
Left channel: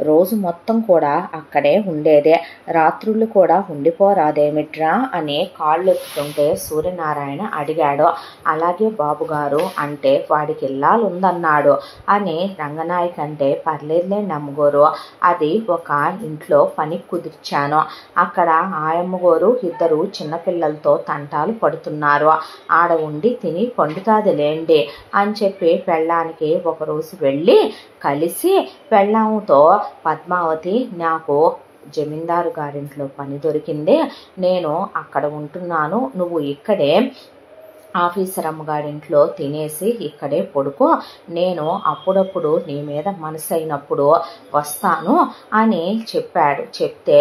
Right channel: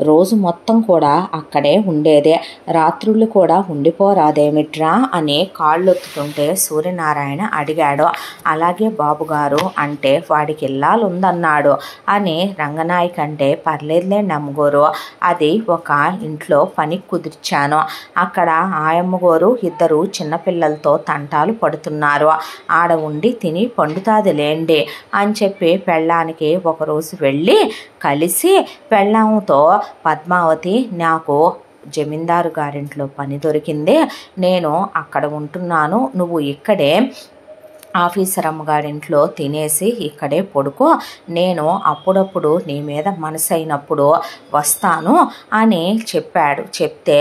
రోజు మొత్తం కూడా అక్కడే ఉండేదే. రాత్రుళ్ళు కూడా ఉండిపోరాదేమిట్రా అని కాళ్ళొత్తుకుంటే సూర్యనారాయణ అడిగాడు. అలాగే బాబుగారు అంటే వాడికి ఇల్లాలు ఉందన్నాడు అని రంగనాయక్ అంటే పర్లేదులే నమ్మగోరు, అది ఒక ఇంట్లో పని కుదిర్చాను, అక్కడ ఆయమ్మగోరు ఇద్దరు చిన్నపిల్లలతో తంటాలు పడుతున్నారు, ఆడ ఉండి తిని పండుతాదిలేండి అని చెప్పి పెళ్ళానికి ఒకరోజు వెళ్ళి కలిసి పెళ్ళాంతో పద్మావతి నాకు జమీందారు గారింట్లో పని దొరికింది, నేను అక్కడ ఉంటున్నాను, నువ్వు ఇక్కడే ఆఫీసర్ అమ్మగారింట్లో తినేసి ఇక్కడే పడుకో, నేను అప్పుడప్పుడు నీ మీద మనసు అయినప్పుడు వస్తాను అని చెప్పాడు. చెప్తే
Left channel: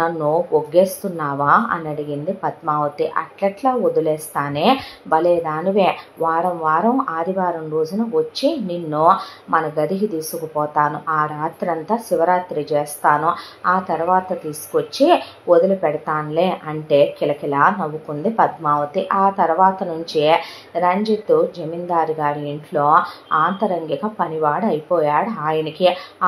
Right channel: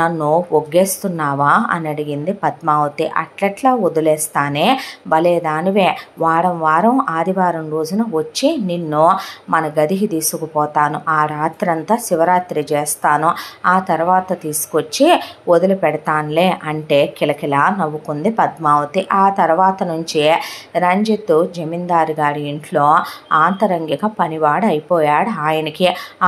నన్ను ఒగ్గేస్తున్నావా అని అడిగింది పద్మావతి. అట్లట్లా వదిలేస్తానే, భలేదానివే, వారం వారం ఆదివారం రోజున వచ్చి నిన్ను మన గదికి తీసుకుపోతాను, ఆ రాత్రంతా శివరాత్రి చేస్తాను, ఆ తర్వాత తీసుకొచ్చి వదిలిపెడతానులే అంటే కిలకిలా నవ్వుకుంది పద్మావతి. ఆ తర్వాత నుంచి రంజిత్ జమీందారు గారి ఇంట్లో ఆంతరంగిక పనివాడు అయిపోయాడు.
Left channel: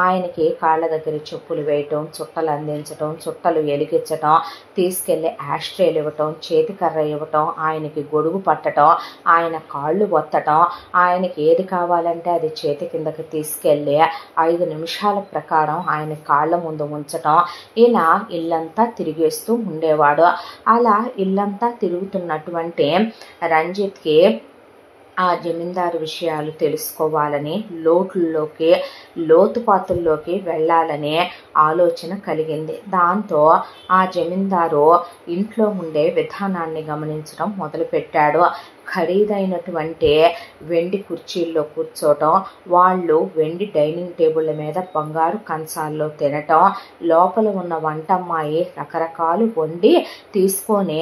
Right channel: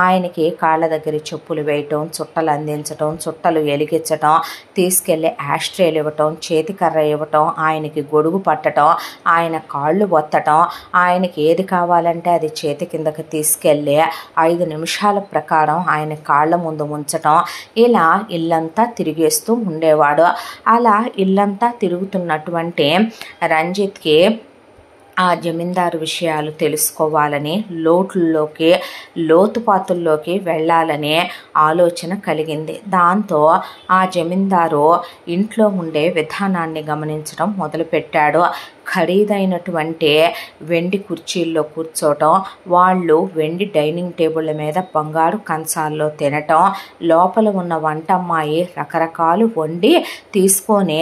ఆయనకి కాళ్ళ దగ్గర చెప్పులు వేయటం, చుట్టలు అందించటం, చుట్టలు ఎలిగించటం, తీసుకెళ్ళి యాస్ట్రేలు ఇవ్వటం, చేతికర్ర ఇవ్వటం, ఆయనకి గొడుగు పట్టడం, ఆయన కాళ్ళు ఒత్తటం, ఆయనకి ఏది కావాలంటే అది చేతి కిందకి తీసుకెళ్ళి 5 నిమిషాల ప్రకారం ఆయన కాళ్ళ ముందు ఉంచటం, ఇలా ఇల్లంతా తిరిగేస్తూ ఉండేవాడు. అలా ఇల్లంతా తిరుగుతున్నటువంటి రంజిత్కి ఆ జమీందారు విషయాలు తెలుసుకోవాలని, లోతుపాతుల్లోకి వెళ్ళాలనే ఆలోచన కలిగింది. దాంతో ఆ జమీందారు ఇంట్లో ఉండే విధానాన్ని గమనించడం మొదలుపెట్టాడు. ఖరీదైనటువంటి వెండి కుర్చీల్లో కూర్చోవటం, వాళ్ళు వెండి డైనింగ్ టేబుళ్ళ మీద బంగారు కంచాల్లో తినటం, లోపల ఉన్న వంటమ్మాయి రకరకాలు వండి తీసుకొని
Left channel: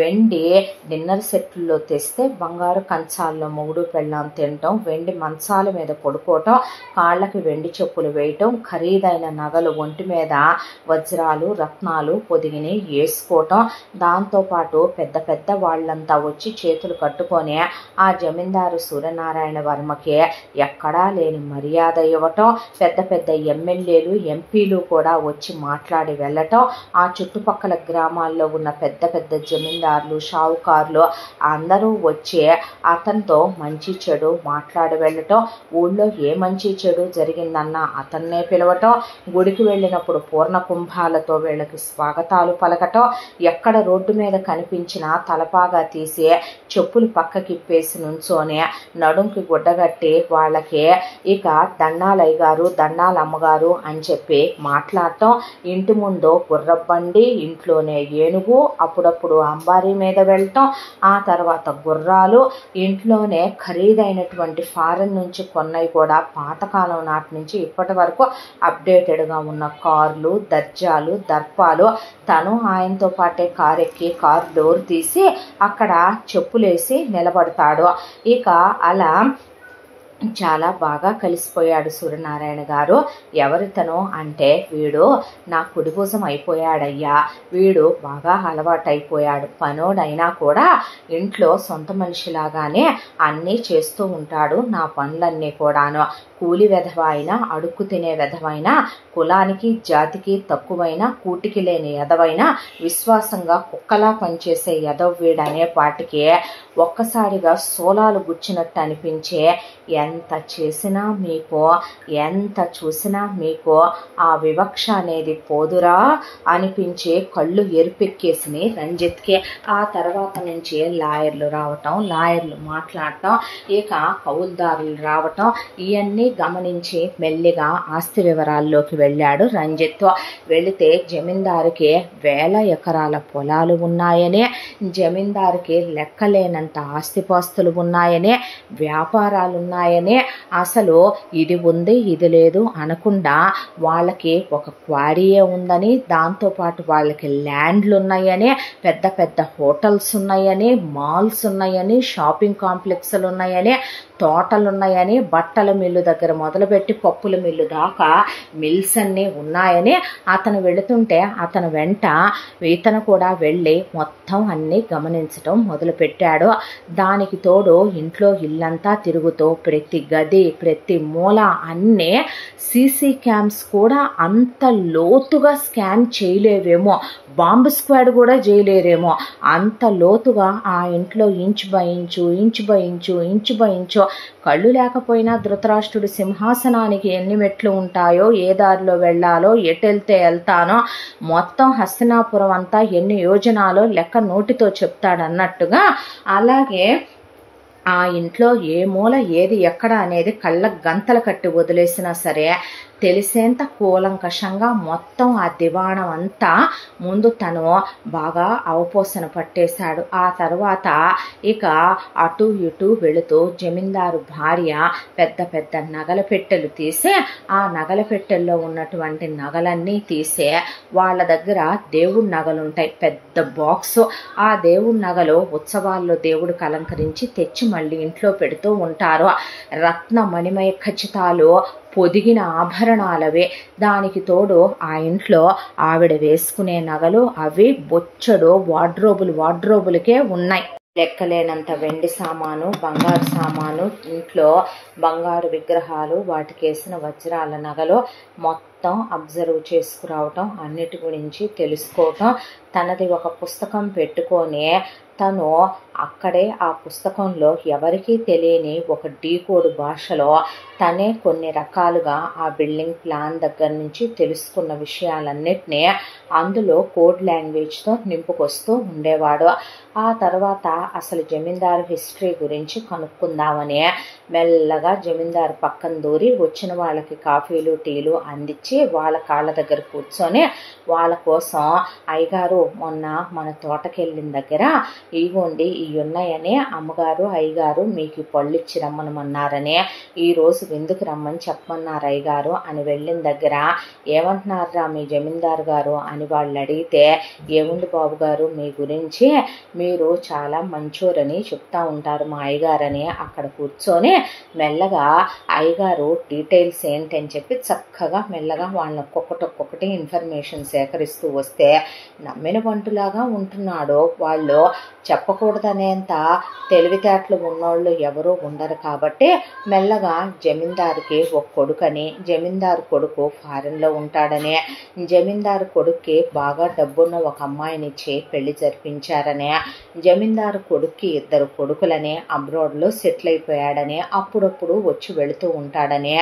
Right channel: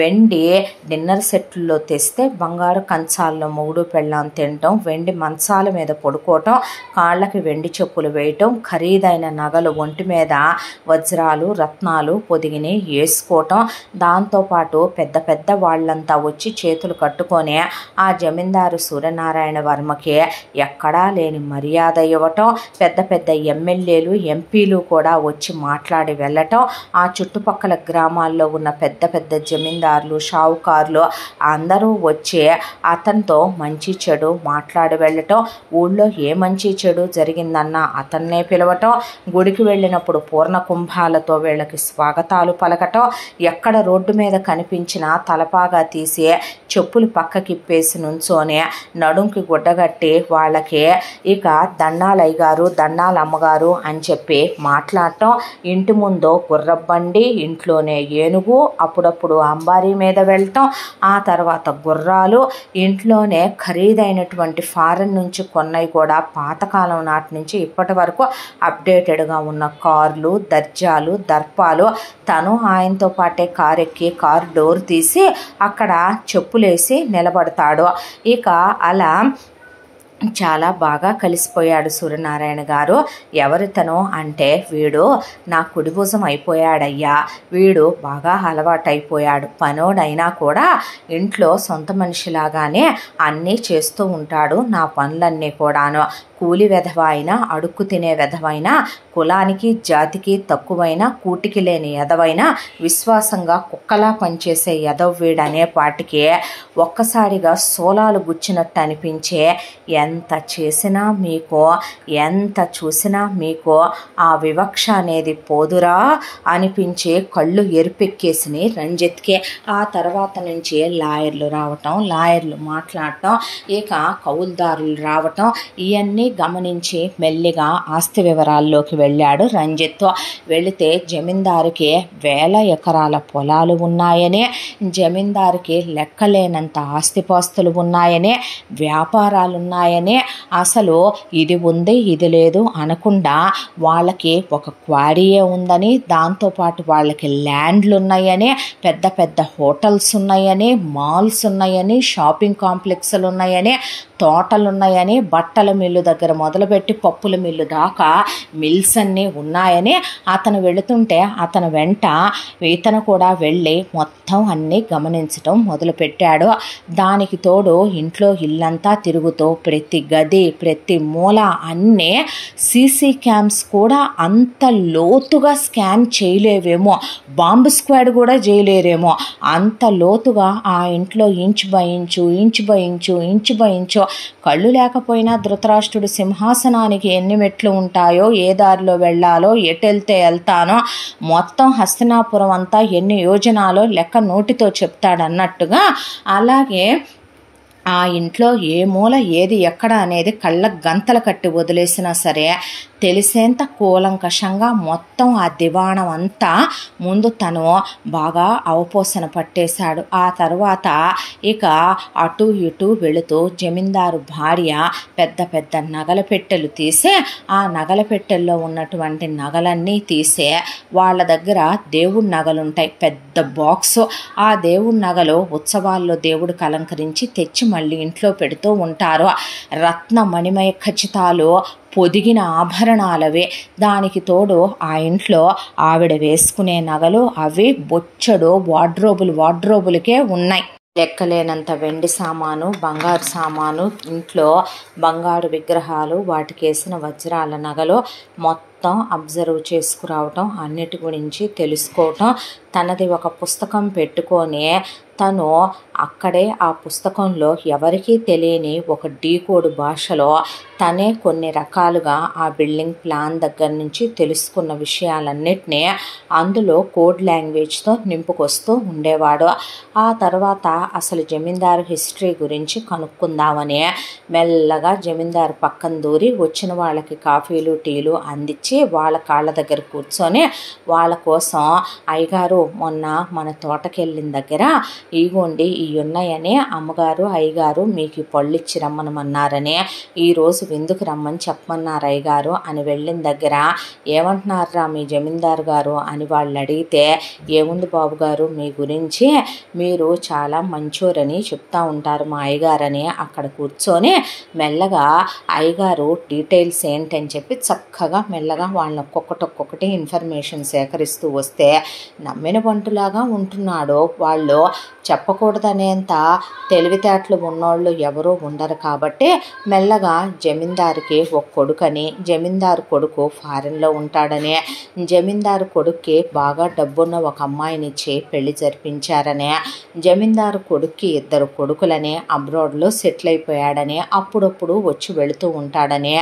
వెండి డిన్నర్ సెట్లో తెస్తే బంగారు కంచాల్లో మొగుడు పెళ్ళాం తినటం, వెండి మంచాల మీద పడుకోవటం, కాళ్ళకి వెండి చెప్పులు వేయటం, ఖరీదైన నగలు ఒంటి మీద వజ్రాలు రత్నాలు పొదిగిని వేసుకోవటం, దాంతోపాటు పెద్ద పెద్ద వాళ్ళంతా వచ్చి చేతులు కట్టుకొని ఆ జమీందారు సూర్యనారాయణ వర్మకి ఎక్కడా లేని మర్యాద ఇవ్వటం, పెద్ద పెద్ద ఎమ్మెల్యేలు ఎంపీలు కూడా వచ్చి మాట్లాడి వెళ్ళటం, ఆ చుట్టుపక్కల గ్రామాల్లో ఉన్న పెద్ద పెద్ద జమీందారులు షావుకారులు అందరూ వచ్చి అతనితో మంచి చెడు మాట్లాడి వెళ్ళటం, ఊళ్ళో ఏ మంచి చెడు జరిగిందన్నా అతన్నే పిలవటం, గుడికి వెళ్ళినప్పుడు పూర్ణ కుంభాలతో వీళ్ళకి స్వాగతాలు పలకటం, ఎక్కడ రోడ్డు మీద కనిపించినా తలపాగా తీసి చెప్పులు పక్కకిప్పేసి నుంచోనే నడుంకి గుడ్డగట్టి వాళ్ళకి ఇక దండాలయ్య గారు దండాల అమ్మగారు అని చెప్పి మాట్లాడటం, ఇంటి ముందు గుర్రబండి, ఇంట్లోనే ఏనుగు, అప్పుడప్పుడు అంబారీ మీద వెళ్ళటం, ఆ తర్వాత గుర్రాలు, ఇంట్లోనే ఖరీదైనటువంటి ఫారెన్ నుంచి కొన్నవి కూడా పాతకాలం నాటి నుంచి ఇప్పటి వరకు అప్డేటెడ్గా ఉన్న కార్లు, దర్జాలు, దర్పాలు, తను ఆయనతో పాటే కారు ఎక్కి కారు డోర్ తీసి అక్కడ చెప్పులేసి నిలబడతాడు. ఇక అలా చాలా బాగా కలిసిపోయాడు సూర్యనారాయణ గారు. ఎవరితను అంటే వీడు నా కుడిభుజం అయిపోయాడయ్యా, వీడు బాగా అలవాటైపోయాడు, పనోడైనా కూడా ఇంట్లో సొంత మనిషిలాగానే అన్నీ చేస్తూ ఉంటాడు, నా పనులన్నీ కూడాను, కూలి వెధవైనా అడుక్కు తినే వెధవైనా, కులానికి జాతికి తక్కువైనా, కూటికి లేని ఎదవైనా విశ్వాసంగా కుక్కలా పనిచేసే ఎదవ్వీడనే పాటికి ఒక్కసారిగా సోలాలు గుచ్చినట్టు అనిపించే, ఎంత చేసినా మీకు, ఎంత చూసినా మీకు ఆ వివక్ష అనేది పోదురా అనిపించే కళ్ళు ఎరిపెక్కేసినాయి రంజిత్కి. ఆ తర్వాత నుంచి లాయర్లు రావటం, లాయర్లు మాట్లాడటం, ఇక కౌలుదారులు రావటం, ఇవన్నీ గమనించి మెల్లిగా ఆస్తి వివరాల్లోకి వెళ్ళాడు రంజిత్. వెళితే జమీందారుకి 1000 ఎకరాల పొలాలు ఉన్నాయని, జమీందారుకి లెక్కలేనంత ఆస్తిపాస్తులు ఉన్నాయని, వ్యాపారాలు ఉన్నాయని, ఉన్నాయని, అసలు ఇది ఉంది ఇది లేదు అనకుండా వాళ్ళకి ఒక క్వారీయే ఉందని, దాంతోపాటు వాళ్ళకి ల్యాండ్లు ఉన్నాయని, పెద్ద పెద్ద హోటల్స్ ఉన్నాయని, మాల్స్ ఉన్నాయని, షాపింగ్ కాంప్లెక్స్లు ఉన్నాయని, తోటలు ఉన్నాయని, బట్టల మిల్లు దగ్గర మొదలుపెట్టి పప్పుల మిల్లు దాకా మిల్స్ అన్నీ ఉన్నాయని అతను వెళుతుంటే అతను వెంట ఇతను కూడా వెళ్ళి మొత్తం అన్నీ గమనించటం మొదలుపెట్టాడు. దానికి తోడు ఇంట్లో ఇల్లంతా తిరుగుతూ ప్రతి గది ప్రతి మూల అన్నీ సీసీ క్యామ్స్ కూడా అంత లోతుగా స్కాన్ చేయలేవేమో, బాంబు స్క్వాడ్ కూడా చేయలేరేమో, అంత లోతుగా ఆ ఇంట్లో inch by inch inch by inch inch by inch. కళ్ళు లేకపోయినా ధృతరాష్ట్రుడు సింహాసనానికి ఎన్ని మెట్లు ఉంటాయో, ఏ దారిలో వెళ్ళాలో, ఎటు వెళ్తే వెళ్తానో, మొత్తం హస్తినాపురం అంతా ఎన్ని యోజనాలో లెక్క నోటితో చెప్తాడన్నట్టుగా, అలాగే ఆ ఇంట్లో ఏ మూల ఏది ఎక్కడ అనేది కళ్ళ గంతలు కట్టి వదిలేసినా సరే తెలిసేంత కూలంకషంగా మొత్తం ఆ దివాణం అంతా ముందు తను బాగా అవపోసన పట్టేశాడు. ఆ తర్వాత ఇక అటు ఇటు వెళుతూ జమీందారు భార్య పెద్ద పెద్ద నగల పెట్టెలు తీసి ఆ నగల పెట్టెల్లో ఉన్నటువంటి నగలన్నీ తీసే వాళ్ళ దగ్గర దేవుడి నగలుంటాయి, పెద్ద బాక్సు. ఆ దేవుడి నగలు ఉత్సవాల్లో దేవుడికి అలంకరించి తెచ్చి మళ్ళీ ఇంట్లో పెడుతూ ఉంటారు. రత్న మణిమయ ఖచ్చితాలు పొదిగిన ఆభరణాలవే. దానికి తోడు ఆ ఇంట్లో ఆవిడ వేసుకునే నగలు అవి బొచ్చడు వార్డ్రోబులకే ఉన్నాయి. లెక్కలేనంత వెండి సామాను, బంగారు సామాను, ఇంట్లో బంగారు విగ్రహాలు, వాటికేసిన వజ్రాల నగలు మొత్తం అబ్జర్వ్ చేసుకురావటం, అన్నిటి గురించి తెలుసుకోవటం. తనది ఒక పుస్తకం పెట్టుకొని తను అక్కడే ఆ పుస్తకంలో ఎవరికీ తెలియని ఒక డీకోడ్ భాషలో తనే కొన్ని రకాలుగా ఆ బిల్డింగ్ ప్లాన్ దగ్గర నుంచి తెలుసుకున్న విషయాలన్నిటినీ అందులో కోడ్ లాంగ్వేజ్తో నింపుకొస్తూ ఉండేవాడు. ఆ తర్వాత అసలు జమీందారు హిస్టరీ గురించి కనుక్కుందామని మెల్లగా జమీందారు పక్కన దూరి వచ్చిన వాళ్ళకి కాఫీలు టీలు అందించి వాళ్ళ కాళ్ళ దగ్గర కూర్చొని వాళ్ళ కోసం, అయ్యగారు మొన్న మన తోటకెళ్ళిన దగ్గర ఇగోండి ఇవి ఉన్నాయని అమ్మగారు అయ్యగారు మీకు పళ్ళు ఇచ్చి రమ్మనమన్నారని, ఈరోజు విందుకు రమ్మని చెప్పమన్నారు అయ్యగారు అని వెళ్ళిన దగ్గర ఏమంటున్నారా మీ జమీందారు గారు అని వాళ్ళు అడిగితే, ఏముంది బాబు గారు మీ గురించి మీరు చాలా మంచోరని చెప్తా ఉంటారు మా అయ్యగారని అక్కడ కూర్చొని మెల్లగా అయ్యగారు డీటెయిల్స్ ఏంటని చెప్పి చక్కగా మెల్లగా వాళ్ళని ఒక్కొక్కటి ఇన్ఫర్మేషన్ సేకరిస్తూ వస్తే నమ్మిన బంటులాగా ఉంటున్నాడు. వాళ్ళు చెప్పకూడదనేంత తెలివితేటలు ఉన్నోళ్ళు ఎవరూ ఉండరు కాబట్టి మెల్లగా జమీందారుకి ఒక కొడుకని, జమీందారు కొడుకు ఫారెన్లో ఉంటాడని, జమీందారు కొడుక్కి బాగా డబ్బున్న ఒక అమ్మాయినిచ్చి పెళ్లి జరిపించారని, జమీందారు కొడుక్కి 2 కొడుకులని అబ్రాడ్లో సెటిల్ అయిపోయాడని, అప్పుడప్పుడు వచ్చి వెళుతూ ఉంటాడని,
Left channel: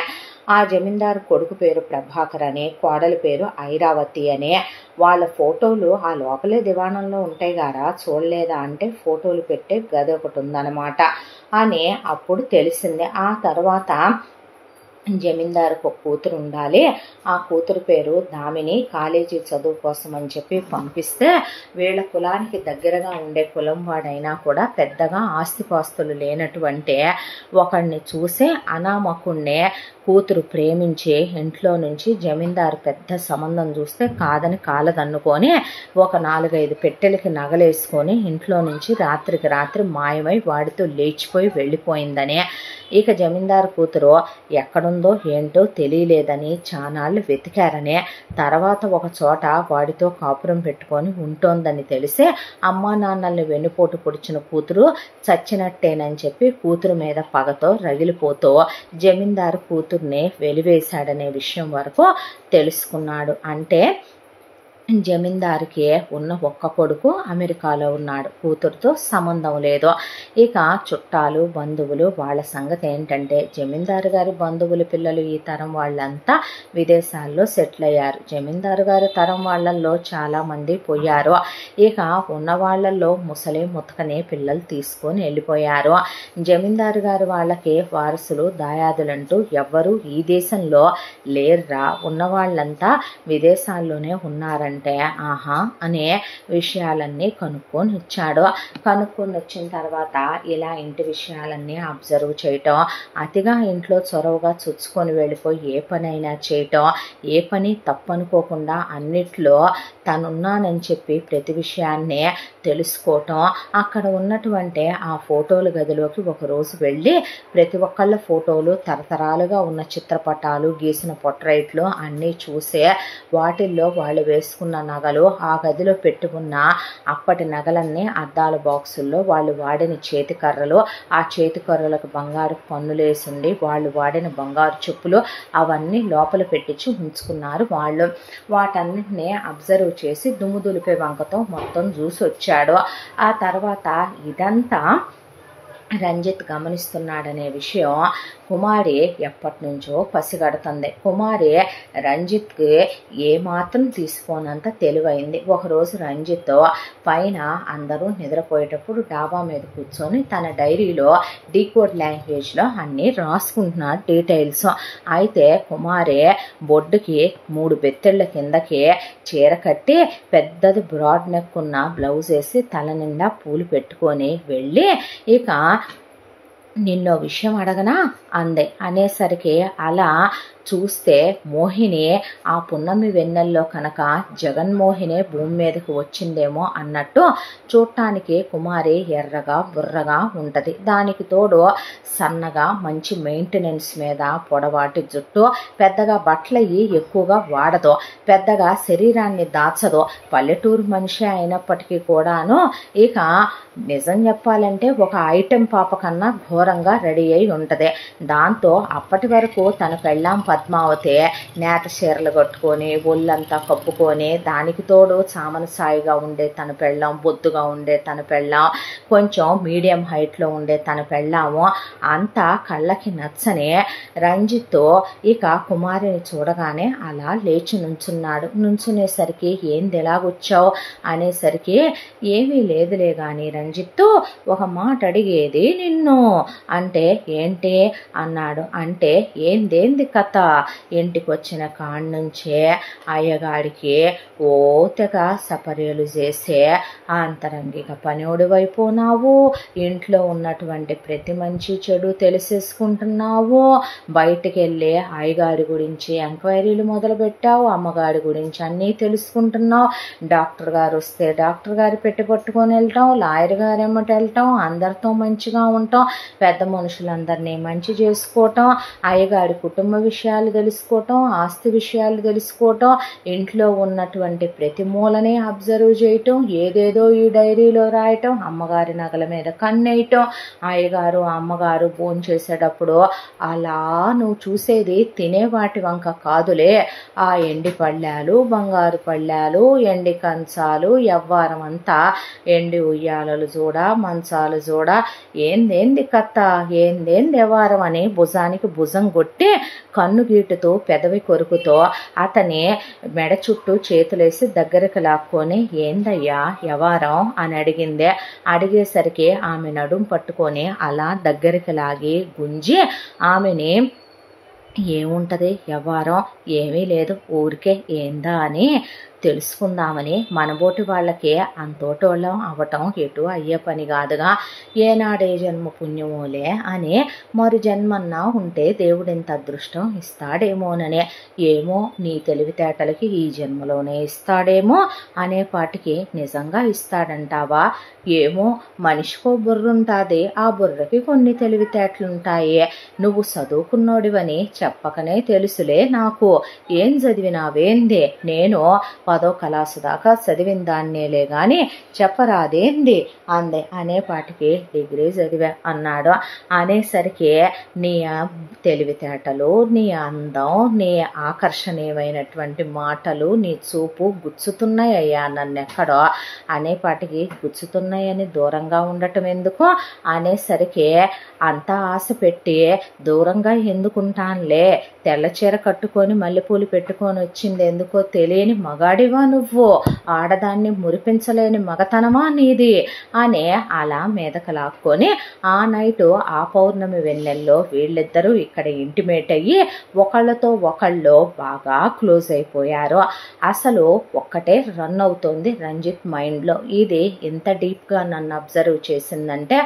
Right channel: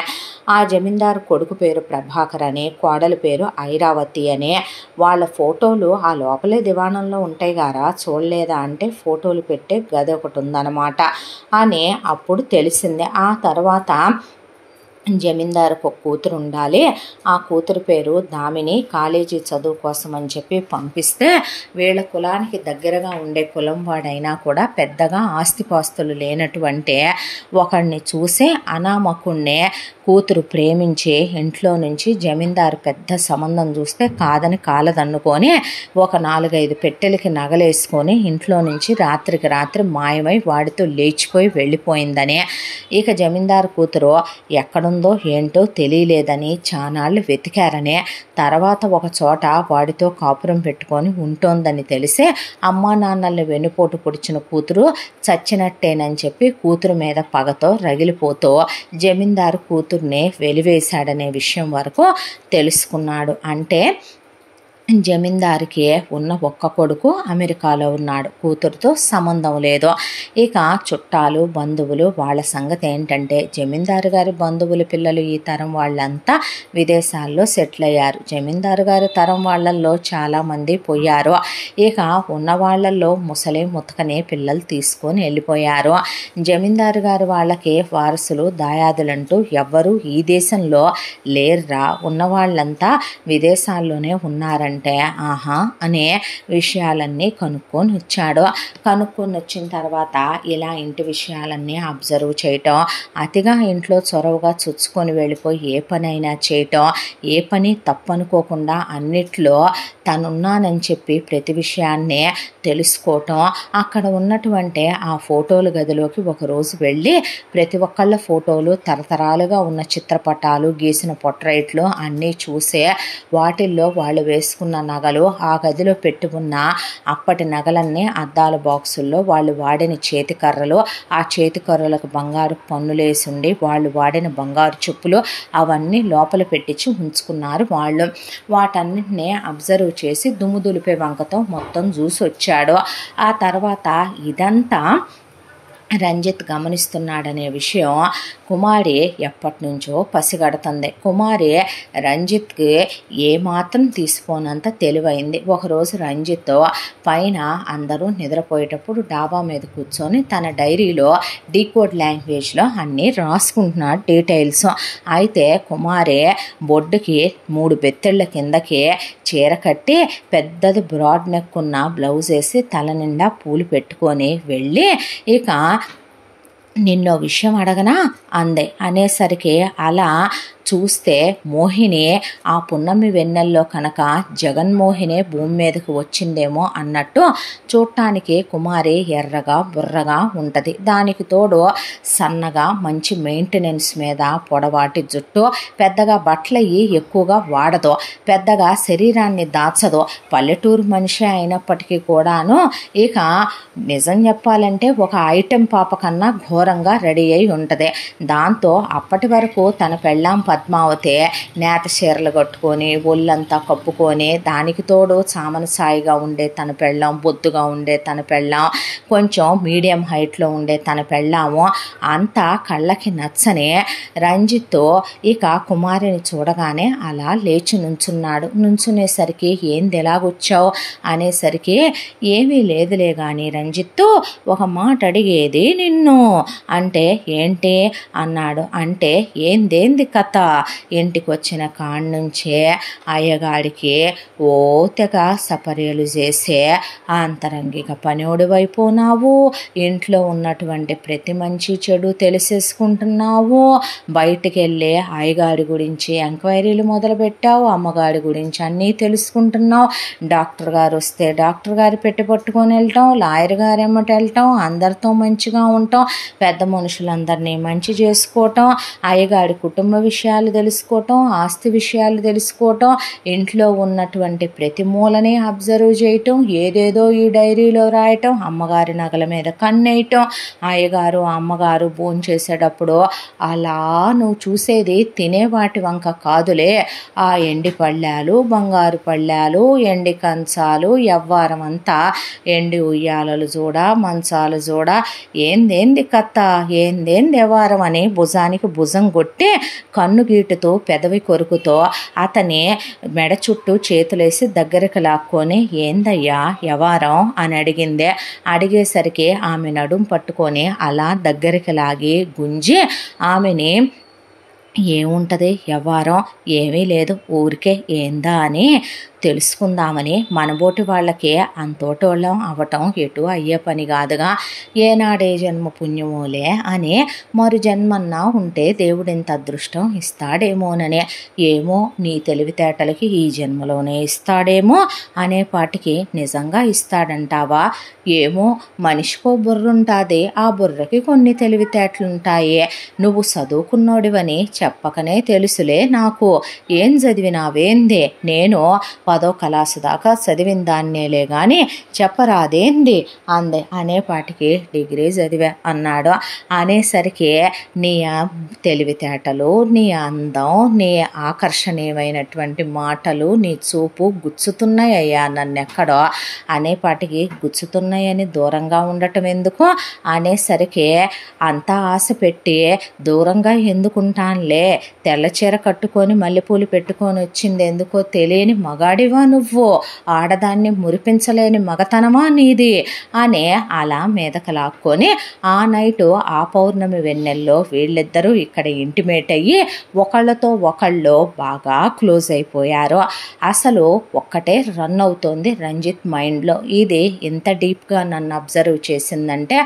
ఆ జమీందారు కొడుకు పేరు ప్రభాకర్ అని, కోడలి పేరు ఐరావతి అని, వాళ్ళ ఫోటోలు ఆ లోపలే దివాణంలో ఉంటాయి గారా చూడలేదా అంటే ఫోటోలు పెట్టే గది ఒకటి ఉందన్నమాట అని అప్పుడు తెలిసిందే. ఆ తర్వాత జమీందారుకు ఒక కూతురు ఉండాలి, ఆ కూతురు పేరు దామిని, కాలేజీ చదువు కోసం అని చెప్పి పంపిస్తే వీళ్ళ కులానికి దగ్గరగా ఉండే కులం వాడైనా కూడా పెద్దగా ఆస్తిపాస్తులు లేనటువంటి ఒకడిని చూసి అనామకుణ్ణే కూతురు ప్రేమించి ఇంట్లో నుంచి జమీందారు పెద్ద సంబంధం చూస్తే కాదని కాలదన్నుకొని ఒక 4-5 పెట్టెలకి నగలేసుకొని ఇంట్లో నుంచి రాత్రికి రాత్రి మాయమై వాడితో లేచిపోయి వెళ్ళిపోయిందని, ఇక జమీందారు కూతురు ఎక్కడుందో ఏంటో తెలియలేదని చానాళ్ళు వెతికారని, తర్వాత ఒక చోట వాడితో కాపురం పెట్టుకొని ఉంటోందని తెలిసి అమ్మా నాన్నల్ని వెన్నుపోటు పొడిచిన కూతురు చచ్చినట్టేనని చెప్పి కూతురు మీద పగతో రగిలిపోతూ జమీందారు కూతుర్ని వెలివేశాడనే విషయం వరకు తెలుసుకున్నాడు. అంటే జమీందారికి ఉన్న ఒక్క కొడుకు అమెరికాలో ఉన్నాడు, కూతురుతో సంబంధం లేదు. ఇక చుట్టాలు బంధువులు వాళ్ళ సంగతి ఏంటంటే జమీందారు గారి బంధువుల పిల్లలు ఈ తరం వాళ్ళంతా విదేశాల్లో సెటిల్ అయ్యారు. జమీందారు గారి తరం వాళ్ళల్లో చాలామంది పోయారు. ఇక ఉన్న వాళ్ళల్లో ముసలి ముతకనే పిల్లలు తీసుకొని వెళ్ళిపోయారు. జమీందారు గారి వాళ్ళకి వారసులు దాయాదులంటూ ఎవ్వరూ ఈ దేశంలో లేర్రా, ఉన్న వాళ్ళంతా విదేశాల్లోనే ఉన్నారంట. అంటే ఆహా అనే విషయాలన్నీ కనుక్కొని వచ్చాడు. కనుక్కొని వచ్చిన తర్వాత ఇలా ఇంటి విషయాలన్నీ అబ్జర్వ్ చేయటం, అతిగా ఇంట్లో చొరవగా చుచ్చుకొని వెళ్ళిపోయి ఏ పనైనా చేయటం, ఏ పని తప్పనుకోకుండా అన్నిట్లో తనున్నానని చెప్పి ప్రతి విషయాన్నే తెలుసుకోవటం, అక్కడ ఉన్నటువంటి ఆ ఫోటోల గదిలోకి ఒకరోజు వెళ్ళి ప్రతి ఒక్కళ్ళ ఫోటోలు తరతరాలుగా ఉన్న చిత్రపటాలు గీసిన పొట్రైట్లు అన్నీ చూసే వాటిల్లో వాళ్ళు వేసుకున్న నగలు ఆ గదిలో పెట్టి ఉన్న అప్పటి నగలన్నీ అద్దాల బాక్సుల్లో వాళ్ళు వాడిన చేతికర్రలు, ఆ చేతికర్రలకు బంగారు పన్నులేసి ఉండి వాళ్ళు వాడిన బంగారు చెప్పులు అవన్నీ లోపల పెట్టించి ఉంచుకున్నారు వాళ్ళు. వాటన్నిటిని అబ్జర్వ్ చేసి దుమ్ము దులిపే వంకతో మొత్తం చూసి వచ్చాడు. ఆ తర్వాత ఇదంతా రంజిత్ గమనిస్తున్నాడనే విషయం కుమారి ఎప్పటి నుంచో పసిగడుతుంది. కుమారి రంజిత్కి ఏమాత్రం తీసుకోనంత తెలివైంది. ఒకరోజు రంజిత్ పైన అందరూ నిద్రపోయేటప్పుడు డాబా మీద కూర్చొని తన డైరీలో డీకోడ్ లాంగ్వేజ్లో అన్నీ రాసుకుంటున్నాడు డీటెయిల్స్. అయితే కుమారి బొడ్డుకి 3 బెత్తెళ్ళ కిందకి చీర కట్టి పెద్దది బ్రాడ్ నెక్ ఉన్న బ్లౌజ్ వేసి తల నిండా పూలు పెట్టుకొని వెళ్ళి ఇక నిన్నో విషయం అడగనా అందే. అనేసరికి అలా చూస్తే మోహిని ఆ పున్నమి వెన్నెల్లో కనుక జగన్మోహినే భూమి మీదకు వచ్చిందేమో అన్నట్టు చూడటానికి కుమారి ఎర్రగా బుర్రగా ఉంటుంది. దానికి తోడు సన్నగా మంచి మెయింటెనెన్స్ మీద పొడవాటి జుట్టు, పెద్దగా బట్టలయ్యి ఎక్కువగా వాడదు, పెద్దగా శరీరాన్ని దాచదు, పల్లెటూరు మనిషి అయినప్పటికీ కూడాను ఇక నిజం చెప్పాలంటే ఒక ఐటెం పాప కన్నా ఘోరంగా రెడీ అయి ఉంటుంది. దాంతో అప్పటి వరకు తన పెళ్ళాం పద్మావతి నేత చీరలు కట్టుకొని ఒళ్ళంతా కప్పుకొని, దానికి తోడు చామన సాయిగా ఉండే తన పెళ్ళాం, బొద్దుగా ఉండే తన పెళ్ళాం, కొంచెం మీడియం హైట్లో ఉండే తన పెళ్ళాము అంతా కళ్ళకి నచ్చని రంజిత్ ఇక కుమారిని చూడగానే అలా లేచి నుంచున్నాడు. నుంచునేసరికి ఏంది ఎలాగొచ్చావు అనేసరికి ఏమీ లేదులే కానీ రంజిత్తు ఒక మాట అడిగేది నిన్ను అంటే ఏంటి అన్నాడు. అంటే ఏందేంది కథ, ఇంటికి వచ్చిన కాడి నుంచే అయ్యగాడికి ఓ తెగ సపర్యలు చేసే అంతరంగిక పనివుడి వైపునావు, ఇంట్లో ఉన్నటువంటి ప్రతి మంచి చెడు తెలిసేసుకుంటున్నావు, బయటికి వెళ్ళి అయ్యగాడి గురించి ఎంక్వైరీలు మొదలుపెట్టావు, అమ్మగాడి గురించి అన్నీ తెలుసుకుంటున్నావు, డాక్టర్ గారు వస్తే డాక్టర్ గారు పెట్టి పట్టుకొని వెళ్ళటం, లాయర్ గారు ఎమ్మటి వెళ్ళటం, అందరితో మంచిగా ఉండటం, పెద్ద మనుషులందరినీ మంచి చేసుకోవటం, అయ్యగాడి కుటుంబ విషయాలు తెలుసుకోవటం, ఆస్తి విషయాలు తెలుసుకోవటం, ఇంట్లో ఉన్నటువంటి ప్రతి మూలని అబ్జర్వ్ చేయటం, ఏదేదో ఈ డైరీలో రాయటం, అమ్మగారి నగల మీద కన్నేయటం, అయ్యగారు అమ్మగారు భోంచేసేటప్పుడు అలా నువ్వు చూసేది తినే వాటి వంక కాదులే, ఆ ఎండి పళ్ళాలు, బంగారు పళ్ళాలు, ఎండి కంచాలు, ఎవ్వారం అంతా ఎండి ఉయ్యాలలు చూడ, మంచాలు చూడ, ఏందేంది కత్త, ఏందేంది ఎవ్వారం అని భుజానికి భుజం కొట్టి కన్ను గీటుతో పెదవి కొరుకుతో అతని మెడ చుట్టూ చేతులేసి దగ్గరికి లాక్కొని ఏందయ్యా యవారం అని అడిగిందే. అడిగేసరికి ఆమె నడుం పట్టుకొని అలా దగ్గరికి లాగి గుంజి ఆమెని ఏముంటుంది యవ్వారం ఏమీ లేదు ఊరికే ఏందా అని తెలుసుకుందామని మనబోటి వాళ్ళకే అంతోటోళ్ళం అవ్వటం ఎటు అయ్యే పని కాదుగా, ఏనాడే జన్మ పుణ్యమోలే అని మరు జన్మన్నా ఉంటే దేవుడు ఇంత అదృష్టం ఇస్తాడేమోననే, ఏమో నీ తెలివితేటలకి ఈ జన్మలోనే ఇస్తాడేమో అనేపాటికి నిజంగా ఇస్తాడంటావా, ఏమో మనిషికో బుర్రుంటుంది, ఆ బుర్రకి కొన్ని తెలివితేటలుంటాయి, నువ్వు చదువుకున్నోడివని చెప్పకనే తెలుసులే నాకు, ఏం చదివినావేందే, నేను 10వ క్లాసు దాకా చదివిన దాన్నేలే కానీ చెప్పరాదేంది అందే. అనేపాటికి డిగ్రీ చదివా అన్నాడు. అనేసరికి నీ తెలివితేటలు, నీ అందం, నీ ఆకర్షణీయమైనటువంటి మాటలు, నీ చూపు గుచ్చుతున్నాయి అయ్యా నన్నెక్కడో, అనేపాటికి గుచ్చుతున్నాయని దూరంగా ఉండటం ఎందుకు అనేసరికి అంతా ఆశ పెట్టి దూరంగా ఎందుకుంటానులే పోలే, తెల్ల చీర కట్టుకొని మల్లెపూలు పెట్టుకొని వచ్చింది ఎందుకో తెలియని మగాడివా నువ్వు, ఆడదాన్ని మురిపించలేని మగతనమా నీది అని అలా మీదకు లాక్కొని ఆ నైటు ఆ పౌర్ణమి వెన్నెల్లో వీళ్ళిద్దరూ ఇక్కడ ఇంటిమేట్ అయ్యి ఒకళ్ళతో ఒకళ్ళు బాగా క్లోజ్ అయిపోయారు. అసలు ఒక్కటే రన్ అవుతోంది రంజిత్ మైండ్లో. ఇది ఎంత డీప్గా నన్ను అబ్జర్వ్ చేసిందంటే,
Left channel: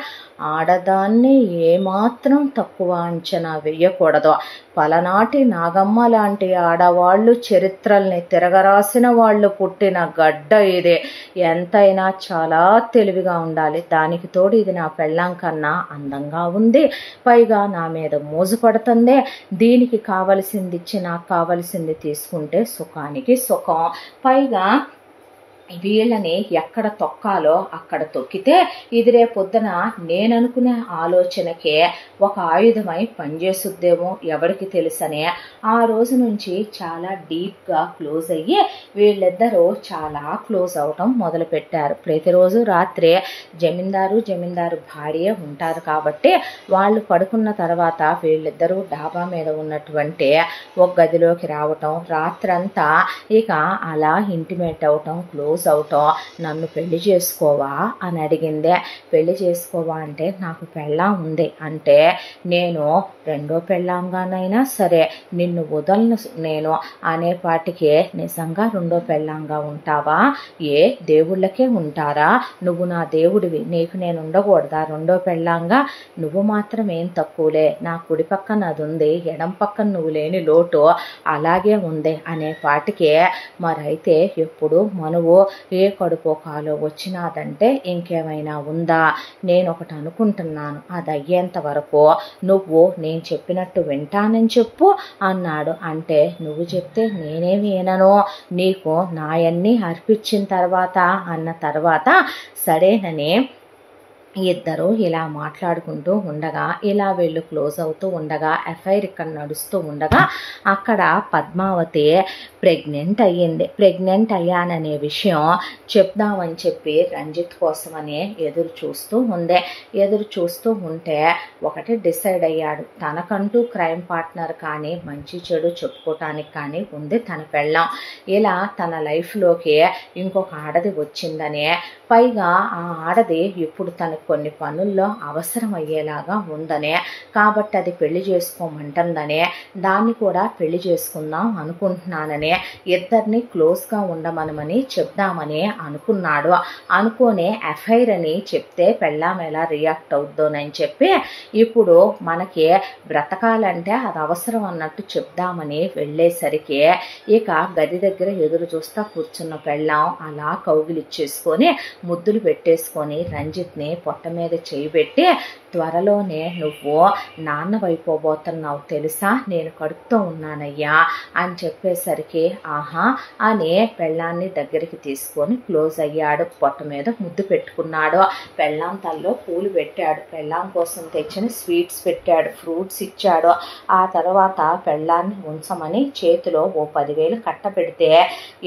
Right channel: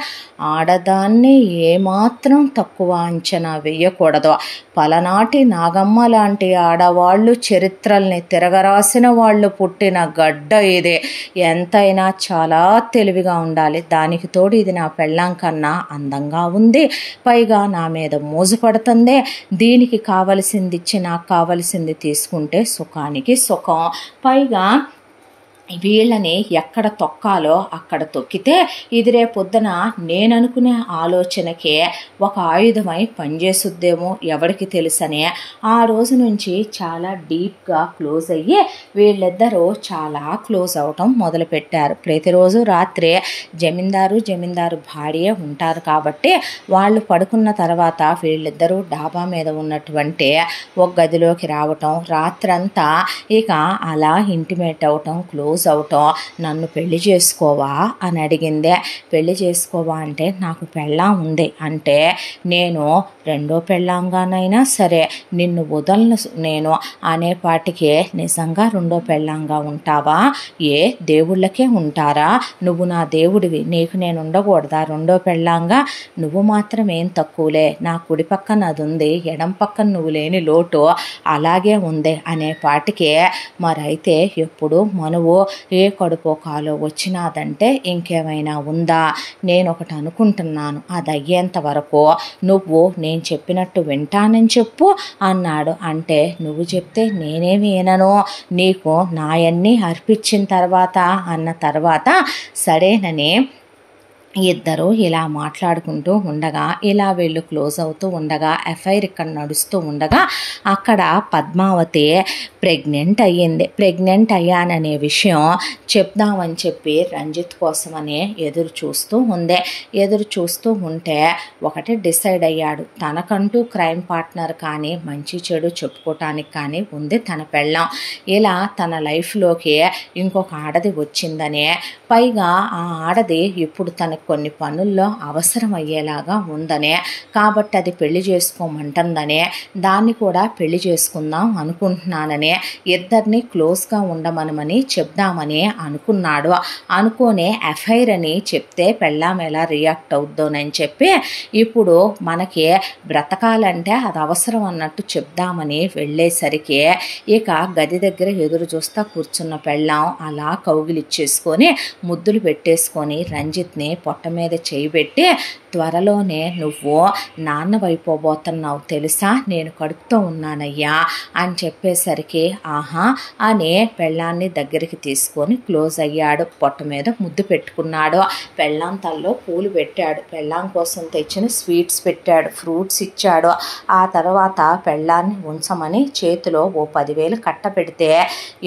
ఆడదాన్ని ఏమాత్రం తక్కువ అంచనా వేయకూడదు. పలనాటి నాగమ్మ లాంటి ఆడవాళ్ళు చరిత్రల్ని తిరగరాసిన వాళ్ళు పుట్టిన గడ్డ ఇది. ఎంతైనా చాలా తెలివిగా ఉండాలి. దానికి తోడు ఇది నా పెళ్ళాం కన్నా అందంగా ఉంది, పైగా నా మీద మోజు పడుతుంది, దీనికి కావలసింది ఇచ్చి నాకు కావలసింది తీసుకుంటే సుఖానికి సుఖం, పైగా వీళ్ళని ఎక్కడ తొక్కాలో అక్కడ తొక్కితే ఇది రేపొద్దున నేననుకునే ఆలోచనకే ఒక ఆయుధమై పనిచేసుద్దేమో ఎవరికి తెలుసనే ఆ రోజు నుంచి చాలా డీప్గా క్లోజ్ అయ్యి వీళ్ళిద్దరూ చాలా క్లోజ్ అవటం మొదలుపెట్టారు. ప్రతిరోజు రాత్రే జమీందారు భార్య ఉంటారు కాబట్టి వాళ్ళు పడుకున్న తర్వాత వీళ్ళిద్దరూ డాబా మీద ఉన్నటువంటి ఒక గదిలోకి రావటం, రాత్రంతా ఇక అలా ఇంటిమేట్ అవటం, క్లోజ్ అవటం. నన్ను పెళ్లి చేసుకోవా అని అడిగిందే. పెళ్లి చేసుకోవా అంటే నాకు పెళ్ళాం ఉంది అంటే, నేను రెండో పెళ్ళాంగానైనా సరే నిన్ను వదలను నేను అనేపాటికే, నిజంగా రెండో పెళ్ళాంగా ఉంటావా, ఏ దేవుళ్ళకే ఉంటారా, నువ్వు నా దేవుడివి, నీకు నేను ఉండకూడదా రెండో పెళ్ళాంగా, నువ్వు మాత్రం ఏం తక్కువలే, నా కుడి పక్కన అది ఉంది, ఎడం పక్కన నువ్వు లేని లోటు అలాగే ఉంది అనేపాటికే, మరైతే ఎప్పుడు మనువు ఏ కడుపో కాలో వచ్చినాదంటే ఇంకేమైనా ఉందా, నేను ఒకటి అనుకుంటున్నాను, అది అయ్యేంత వరకు నువ్వు నేను చెప్పినట్టు వింటానని చెప్పు అన్నాడు. అంటే నువ్వు చెప్తే నేనేమి వినను, నీకు నాయన్ని అర్పించిన తర్వాత అన్న తర్వాత సరేనని ఇద్దరు ఇలా మాట్లాడుకుంటూ ఉండగా, ఇలా వీళ్ళు క్లోజ్ అవుతూ ఉండగా, ఎఫ్ఐఆర్ ఇక్కడ నడుస్తూ ఉండగా అక్కడ పద్మావతి ప్రెగ్నెంట్ అయ్యింది. ప్రెగ్నెంట్ అయ్యాననే విషయం చెప్దామని చెప్పి రంజిత్ కోసమని ఎదురు చూస్తూ ఉంటే ఒకటి డిసైడ్ అయ్యాడు, తనకంటూ క్రైమ్ పార్ట్నర్ కానీ మంచి చెడు చెప్పుకోవటానికి కానీ ఉంది తన పెళ్ళాం. ఇలా తన లైఫ్లోకి ఇంకొక ఆడది వచ్చిందనే, పైగా ఆ ఆడది ఇప్పుడు తనకు కొన్ని పనుల్లో అవసరం అయ్యేలాగా ఉందనే, కాబట్టి అది పెళ్లి చేసుకోమంటుందనే, దాన్ని కూడా పెళ్లి చేసుకుందాం అనుకుంటున్నాననే, ఇద్దరిని క్లోజ్గా ఉండమనమని చెప్దామని అనుకున్నాడు. అనుకోనే ఎఫ్ఐఆర్ అని చెప్తే పెళ్ళాం ఎలా రియాక్ట్ అవుద్దోనని చెప్పి ఇప్పుడు మనకి బ్రతకాలంటే అది అవసరం అన్నట్టు చెప్దామని వెళ్ళేసరికి ఇక గది దగ్గర ఎదురు చూస్తా కూర్చున్న పెళ్ళాం అలా కౌగిలిచ్చేసుకొని ముద్దులు పెట్టేసుకొని రంజిత్ని పొట్ట మీద చేయి పెట్టి, త్వరలోనే నువ్వు నాన్నవైపోబోతున్నావు తెలుసా, నేను కడుపుతో ఉన్నానయ్యా అని చెప్పేసరికి ఆహా అని పెళ్ళాన్ని దగ్గరికి తీసుకొని క్లోజ్ అయ్యాడు. పొట్ట మీద ముద్దు పెట్టుకున్నాడు. పెళ్ళాం తల్లో పూలు పెట్టాడు, పెళ్ళాం కోసం తెచ్చిన స్వీట్స్ పెట్టాడు, ఫ్రూట్స్ ఇచ్చాడు. ఆ తర్వాత పెళ్ళాన్ని ఉంచమని చేతిలో ఓ 10,000 కట్ట పెడితే,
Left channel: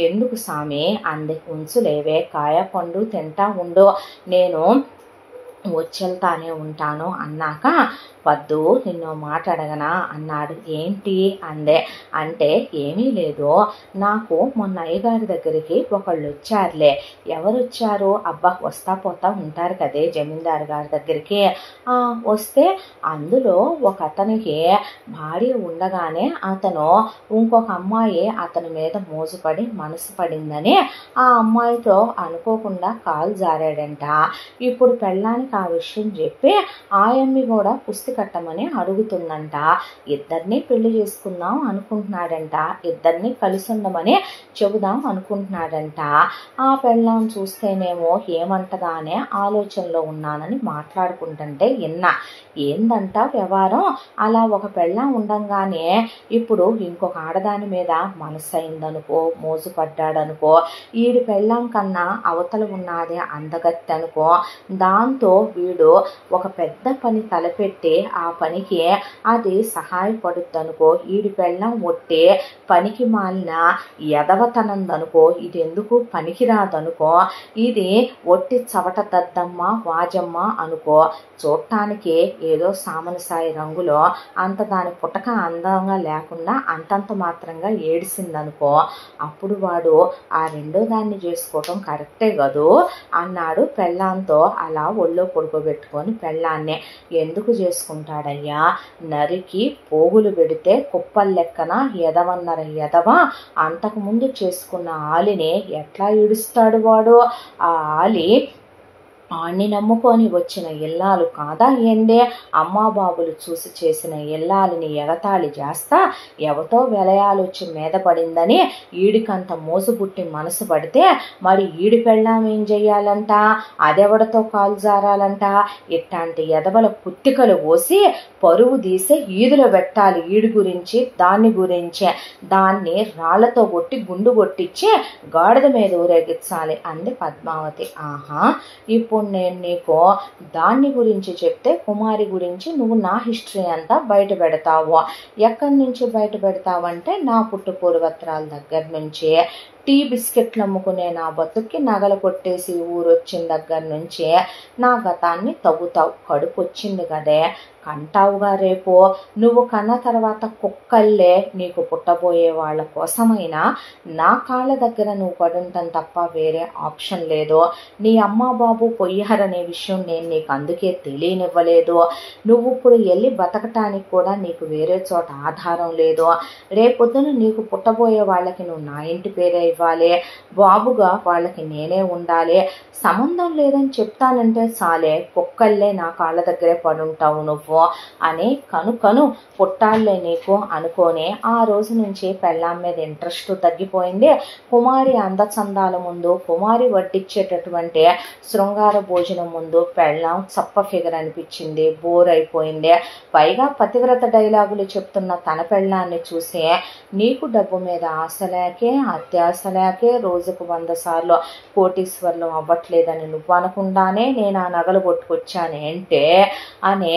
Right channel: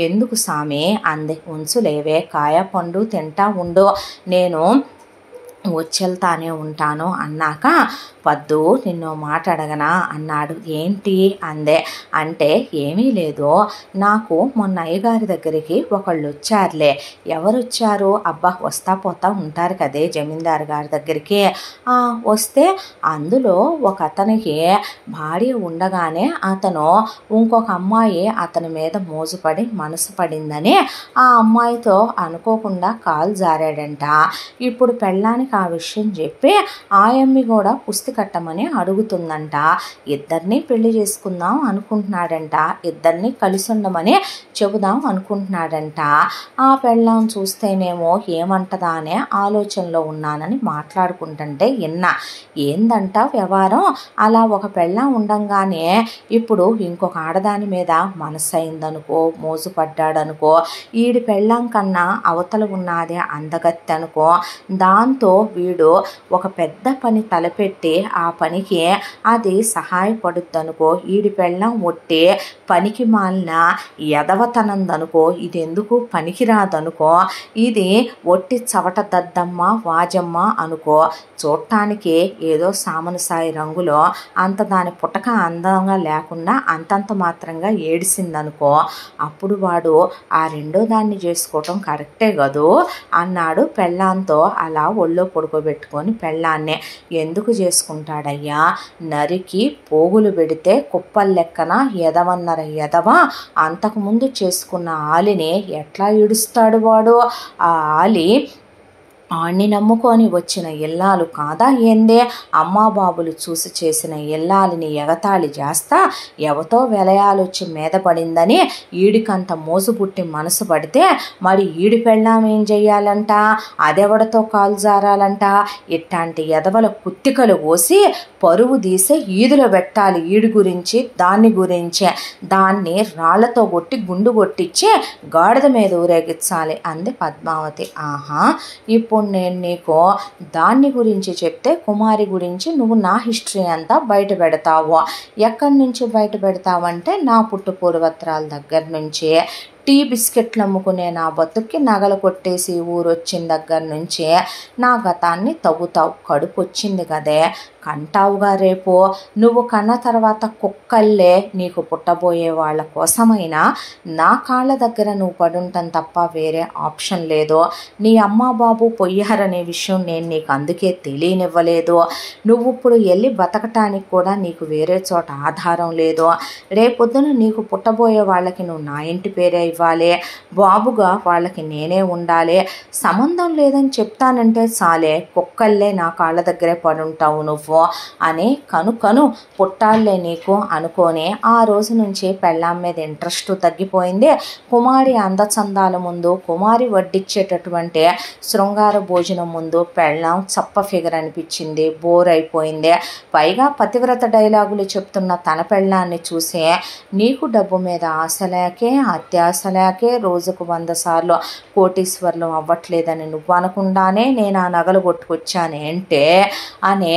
ఎందుకు సామి అంది, ఉంచులేవే కాయ పండు తింటా ఉండు, నేను వచ్చెళ్తానే ఉంటాను అన్నాక, వద్దు నిన్ను మాట అడగనా అన్నాడు. ఏంటి అందే. అంటే ఏమీ లేదు, నాకు మొన్న అయ్యగారి దగ్గరికి ఒకళ్ళు వచ్చారులే. ఎవరు వచ్చారు, అబ్బా వస్తా పోతా ఉంటారు కదే జమీందారు గారి దగ్గరికి, వస్తే అందులో ఒక అతనికి భార్య ఉండగానే అతను ఇంకొక అమ్మాయి అతని మీద మోజుపడి మనసు పడిందని ఆ అమ్మాయితో అనుకోకుండా కాలు జారాడంట. ఇప్పుడు పెళ్ళానికి ఆ విషయం చెప్పి ఆయమ్మి కూడా పుస్తి కట్టమని అడుగుతుందంట. ఇద్దరిని పెళ్లి చేసుకుందాం అనుకుంటున్నాడంట, ఇద్దరిని కలిసి ఉండమని చెబుదాం అనుకుంటున్నాడంట. ఆ పెళ్ళాం చూస్తేనేమో ఏమంటదా అనే ఆలోచనలో ఉన్నానని మాట్లాడుకుంటుంటే విన్నా. ఏందంట వ్యవహారం, అలా ఒక పెళ్ళాం ఉండంగానే ఇప్పుడు ఇంకొక ఆడదాని మీద మనసు అయిందనుకో, మోజు పడ్డాడనుకో, ఈడి పెళ్ళాం కన్నా అవతల ఉన్నదే అందగత్తె అనుకో, దాంతో వీడు ఒక పెద్ద పని తలపెట్టి ఆ పనికి అది సహాయపడుద్దనుకో, ఈడి పెళ్ళం ఒట్టే పనికి మాలిన ఎదవతనందనుకో, ఇది ఎందుకు పనికిరాదనుకో, ఇది ఒట్టి చవట దద్దమ్మ వాజమ్మ అనుకో, చూడటానికి ఏదో సామనసాయి రంగులో అంత దాని పుటక అందంగా లేకుండా అంతంత మాత్రంగా ఏడిసిందనుకో, అప్పుడు వాడు ఆ రెండో దాన్ని చేసుకోవటం కరెక్టే కదూ అన్నాడు పెళ్ళాంతో. అలా ఒళ్ళో పడుకోబెట్టుకొని పెళ్ళాన్నే ఎందుకు చేసుకుంటాడయ్యా, నరికి పోగులు పెడితే కుప్పల లెక్కన ఎదవన్నర ఎదవ, అంతకుముందు చేసుకున్న ఆలిని ఎట్లా ఈడుస్తాడు వాడు, ఆ ఆలి ఆణ్ణి నమ్ముకొని వచ్చిన ఇల్లాలు కాదా ఏందే, అమ్మా బాబులు చూసి చేసిన ఇల్లాలని ఎగతాళి చేస్తా ఎవతో వెలయాలొచ్చి మీద పడిందని ఈడికంత మోసు పుట్టి మనసు పడితే మరి ఈడి పెళ్ళాం ఏం చెయ్యాలంట, అదెవడతో కాలు జారాలంట, ఇట్లాంటి ఎదవల కుత్తికలు పోసి పరువు తీసే ఈదులో పెట్టాలి, ఈడి గురించి దాన్ని గురించే, దాన్ని రాళ్లతో కొట్టి గుండు కొట్టించి గాడిద మీద ఊరేగించాలి అంది పద్మావతి. ఆహా, ఇప్పుడు నేను నీకు దాన్ని గురించి చెప్తే కుమారి గురించి నువ్వు నా హిస్టరీ అంతా బయట పెడతావు. ఎక్కడి నుంచి బయట పెడతావంటే నా పుట్టు పూర్వత్రాల దగ్గర నుంచి, టీ బిస్కెట్లు అమ్ముకునే నా బతుక్కి నగలు కొట్టేసి ఊరొచ్చిన దగ్గర నుంచి నా గతాన్ని తవ్వుతావు. కడుపు వచ్చింది కదే, కంటావుగా రేపు, నువ్వు కన్న తర్వాత కుక్కల్లే నీకు పుట్టబోయే వాళ్ళ కోసమైనా నా కాళ్ళ దగ్గర నువ్వు పడుంటాం తప్ప వేరే ఆప్షన్ లేదు. నీ అమ్మ బాబు పొయ్యారనే విషయం నేను నీకు అందుకే తెలియనివ్వలేదు. నువ్వు ఇప్పుడు వెళ్ళి బతకటానికి కూడా నీకు వేరే చోట ఆధారం లేదు. రేపొద్దున నీకు పుట్టబోయే వాళ్ళకి నువ్వు నా ఇంటి పేరే ఇవ్వాలి, బాబుగా వాళ్ళకి నేనే ఉండాలి. సంబంధం లేదని చెప్తానంటే చాలే, కుక్కల్లే నా కాళ్ళ దగ్గరే పడుంటావు నువ్వు అని కను పుట్టాలే నీకు అనుకోని ఆ రోజు నుంచి పెళ్ళాం మీద ఇంట్రెస్ట్ తగ్గిపోయింది. కుమారి అందచందాల ముందు, కుమారి వడ్డిచ్చేటటువంటి శృంగార భోజనం ముందు పెళ్ళాం చప్ప ఫిగర్ అనిపించింది, బోర్ అయిపోయింది. పైగా పతివ్రత డైలాగులు చెప్తున్న తన పెళ్ళాన్ని చూసి నీకు డబ్బు మీద ఆశ లేకే అత్యాశ లేకే రోజుకు 100 సార్లు కోటీశ్వర్లు అవ్వట్లేదని నువ్వు అనకుండానే నేను ఆ నగలు కొట్టుకొచ్చానేంటే అని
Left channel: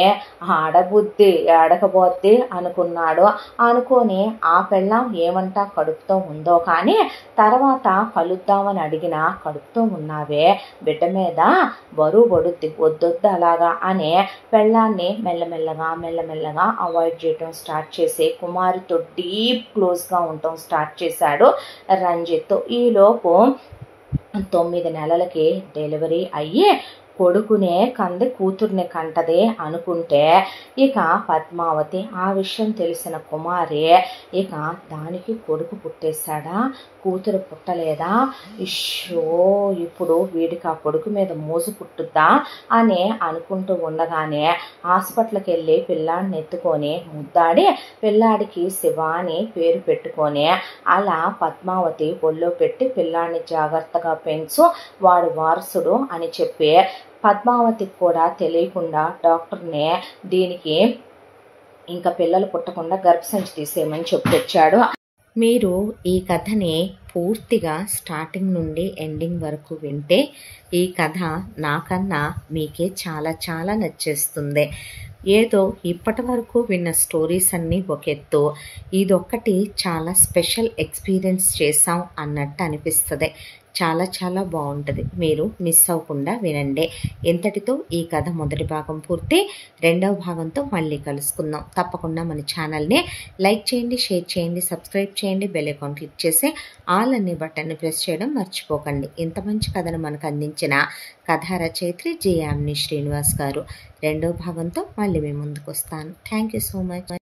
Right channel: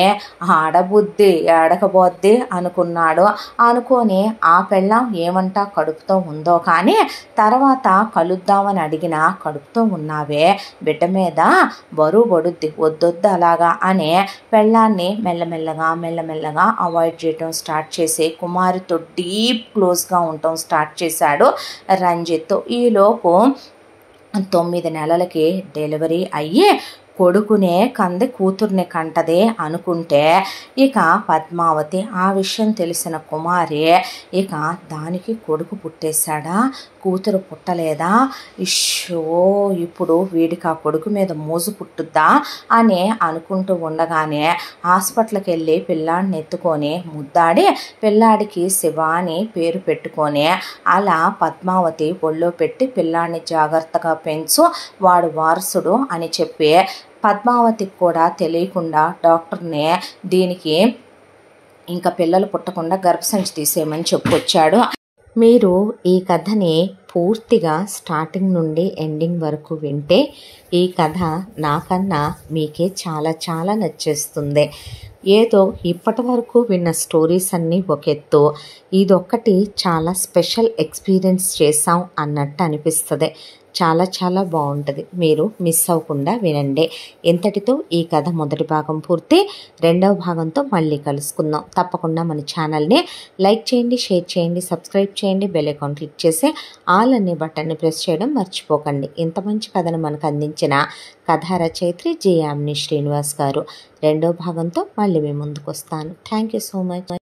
ఆడబుద్ధి ఏడకబోద్ది అనుకున్నాడు. అనుకొని ఆ పెళ్ళాం ఏమంటా కడుపుతో ఉందో కానీ తర్వాత కలుద్దామని అడిగినా కడుపుతో ఉన్నావే, బిడ్డ మీద బరువు పడుద్ది, వద్దొద్దు అలాగా అని పెళ్ళాన్ని మెల్లమెల్లగా అవాయిడ్ చేయటం స్టార్ట్ చేసి కుమారితో డీప్ క్లోజ్గా ఉండటం స్టార్ట్ చేశాడు రంజిత్. ఈలోపు 9 నెలలకి డెలివరీ అయ్యి కొడుకునే కంది కూతుర్ని కంటదే అనుకుంటే ఇక పద్మావతి ఆ విషయం తెలిసిన కుమారి ఇక దానికి కొడుకు పుట్టేశాడా, కూతురు పుట్టలేదా, ఇష్యో ఇప్పుడు వీడికి ఆ కొడుకు మీద మోజు పుట్టుద్దా అని అనుకుంటూ ఉండగానే హాస్పిటల్కి వెళ్ళి పిల్లాడిని ఎత్తుకొని ముద్దాడి పిల్లాడికి శివ అని పేరు పెట్టుకొని అలా పద్మావతి ఒళ్ళో పెట్టి పిల్లాడిని జాగ్రత్తగా పెంచు, వాడు వారసుడు అని చెప్పి పద్మావతికి కూడా తెలియకుండా డాక్టర్ని దీనికి ఇంకా పిల్లలు పుట్టకుండా గర్భసంచి తీసేయమని చెప్పుకొచ్చాడు. మీరు ఈ కథని పూర్తిగా స్టార్టింగ్ నుండి ఎండింగ్ వరకు వింటే ఈ కథ నాకన్నా మీకే చాలా చాలా నచ్చేస్తుంది. ఏదో ఇప్పటి వరకు విన్న స్టోరీస్ అన్నీ ఒక ఎత్తు, ఇదొక్కటి చాలా స్పెషల్ ఎక్స్పీరియన్స్ చేసాం అన్నట్టు అనిపిస్తుంది. చాలా చాలా బాగుంటుంది, మీరు మిస్ అవ్వకుండా వినండి. ఇంతటితో ఈ కథ మొదటి భాగం పూర్తి. రెండవ భాగంతో మళ్ళీ కలుసుకుందాం. తప్పకుండా మన ఛానల్ని లైక్ చేయండి, షేర్ చేయండి, సబ్స్క్రైబ్ చేయండి, బెల్ ఐకాన్ క్లిక్ చేసి ఆల్ అనే బటన్ని ప్రెస్ చేయడం మర్చిపోకండి. ఇంత మంచి కథను మనకు అందించిన కథా రచయిత్రి జి యామిని శ్రీనివాస్ గారు. రెండో భాగంతో మళ్ళీ మీ ముందుకు వస్తాను. Thank you so much.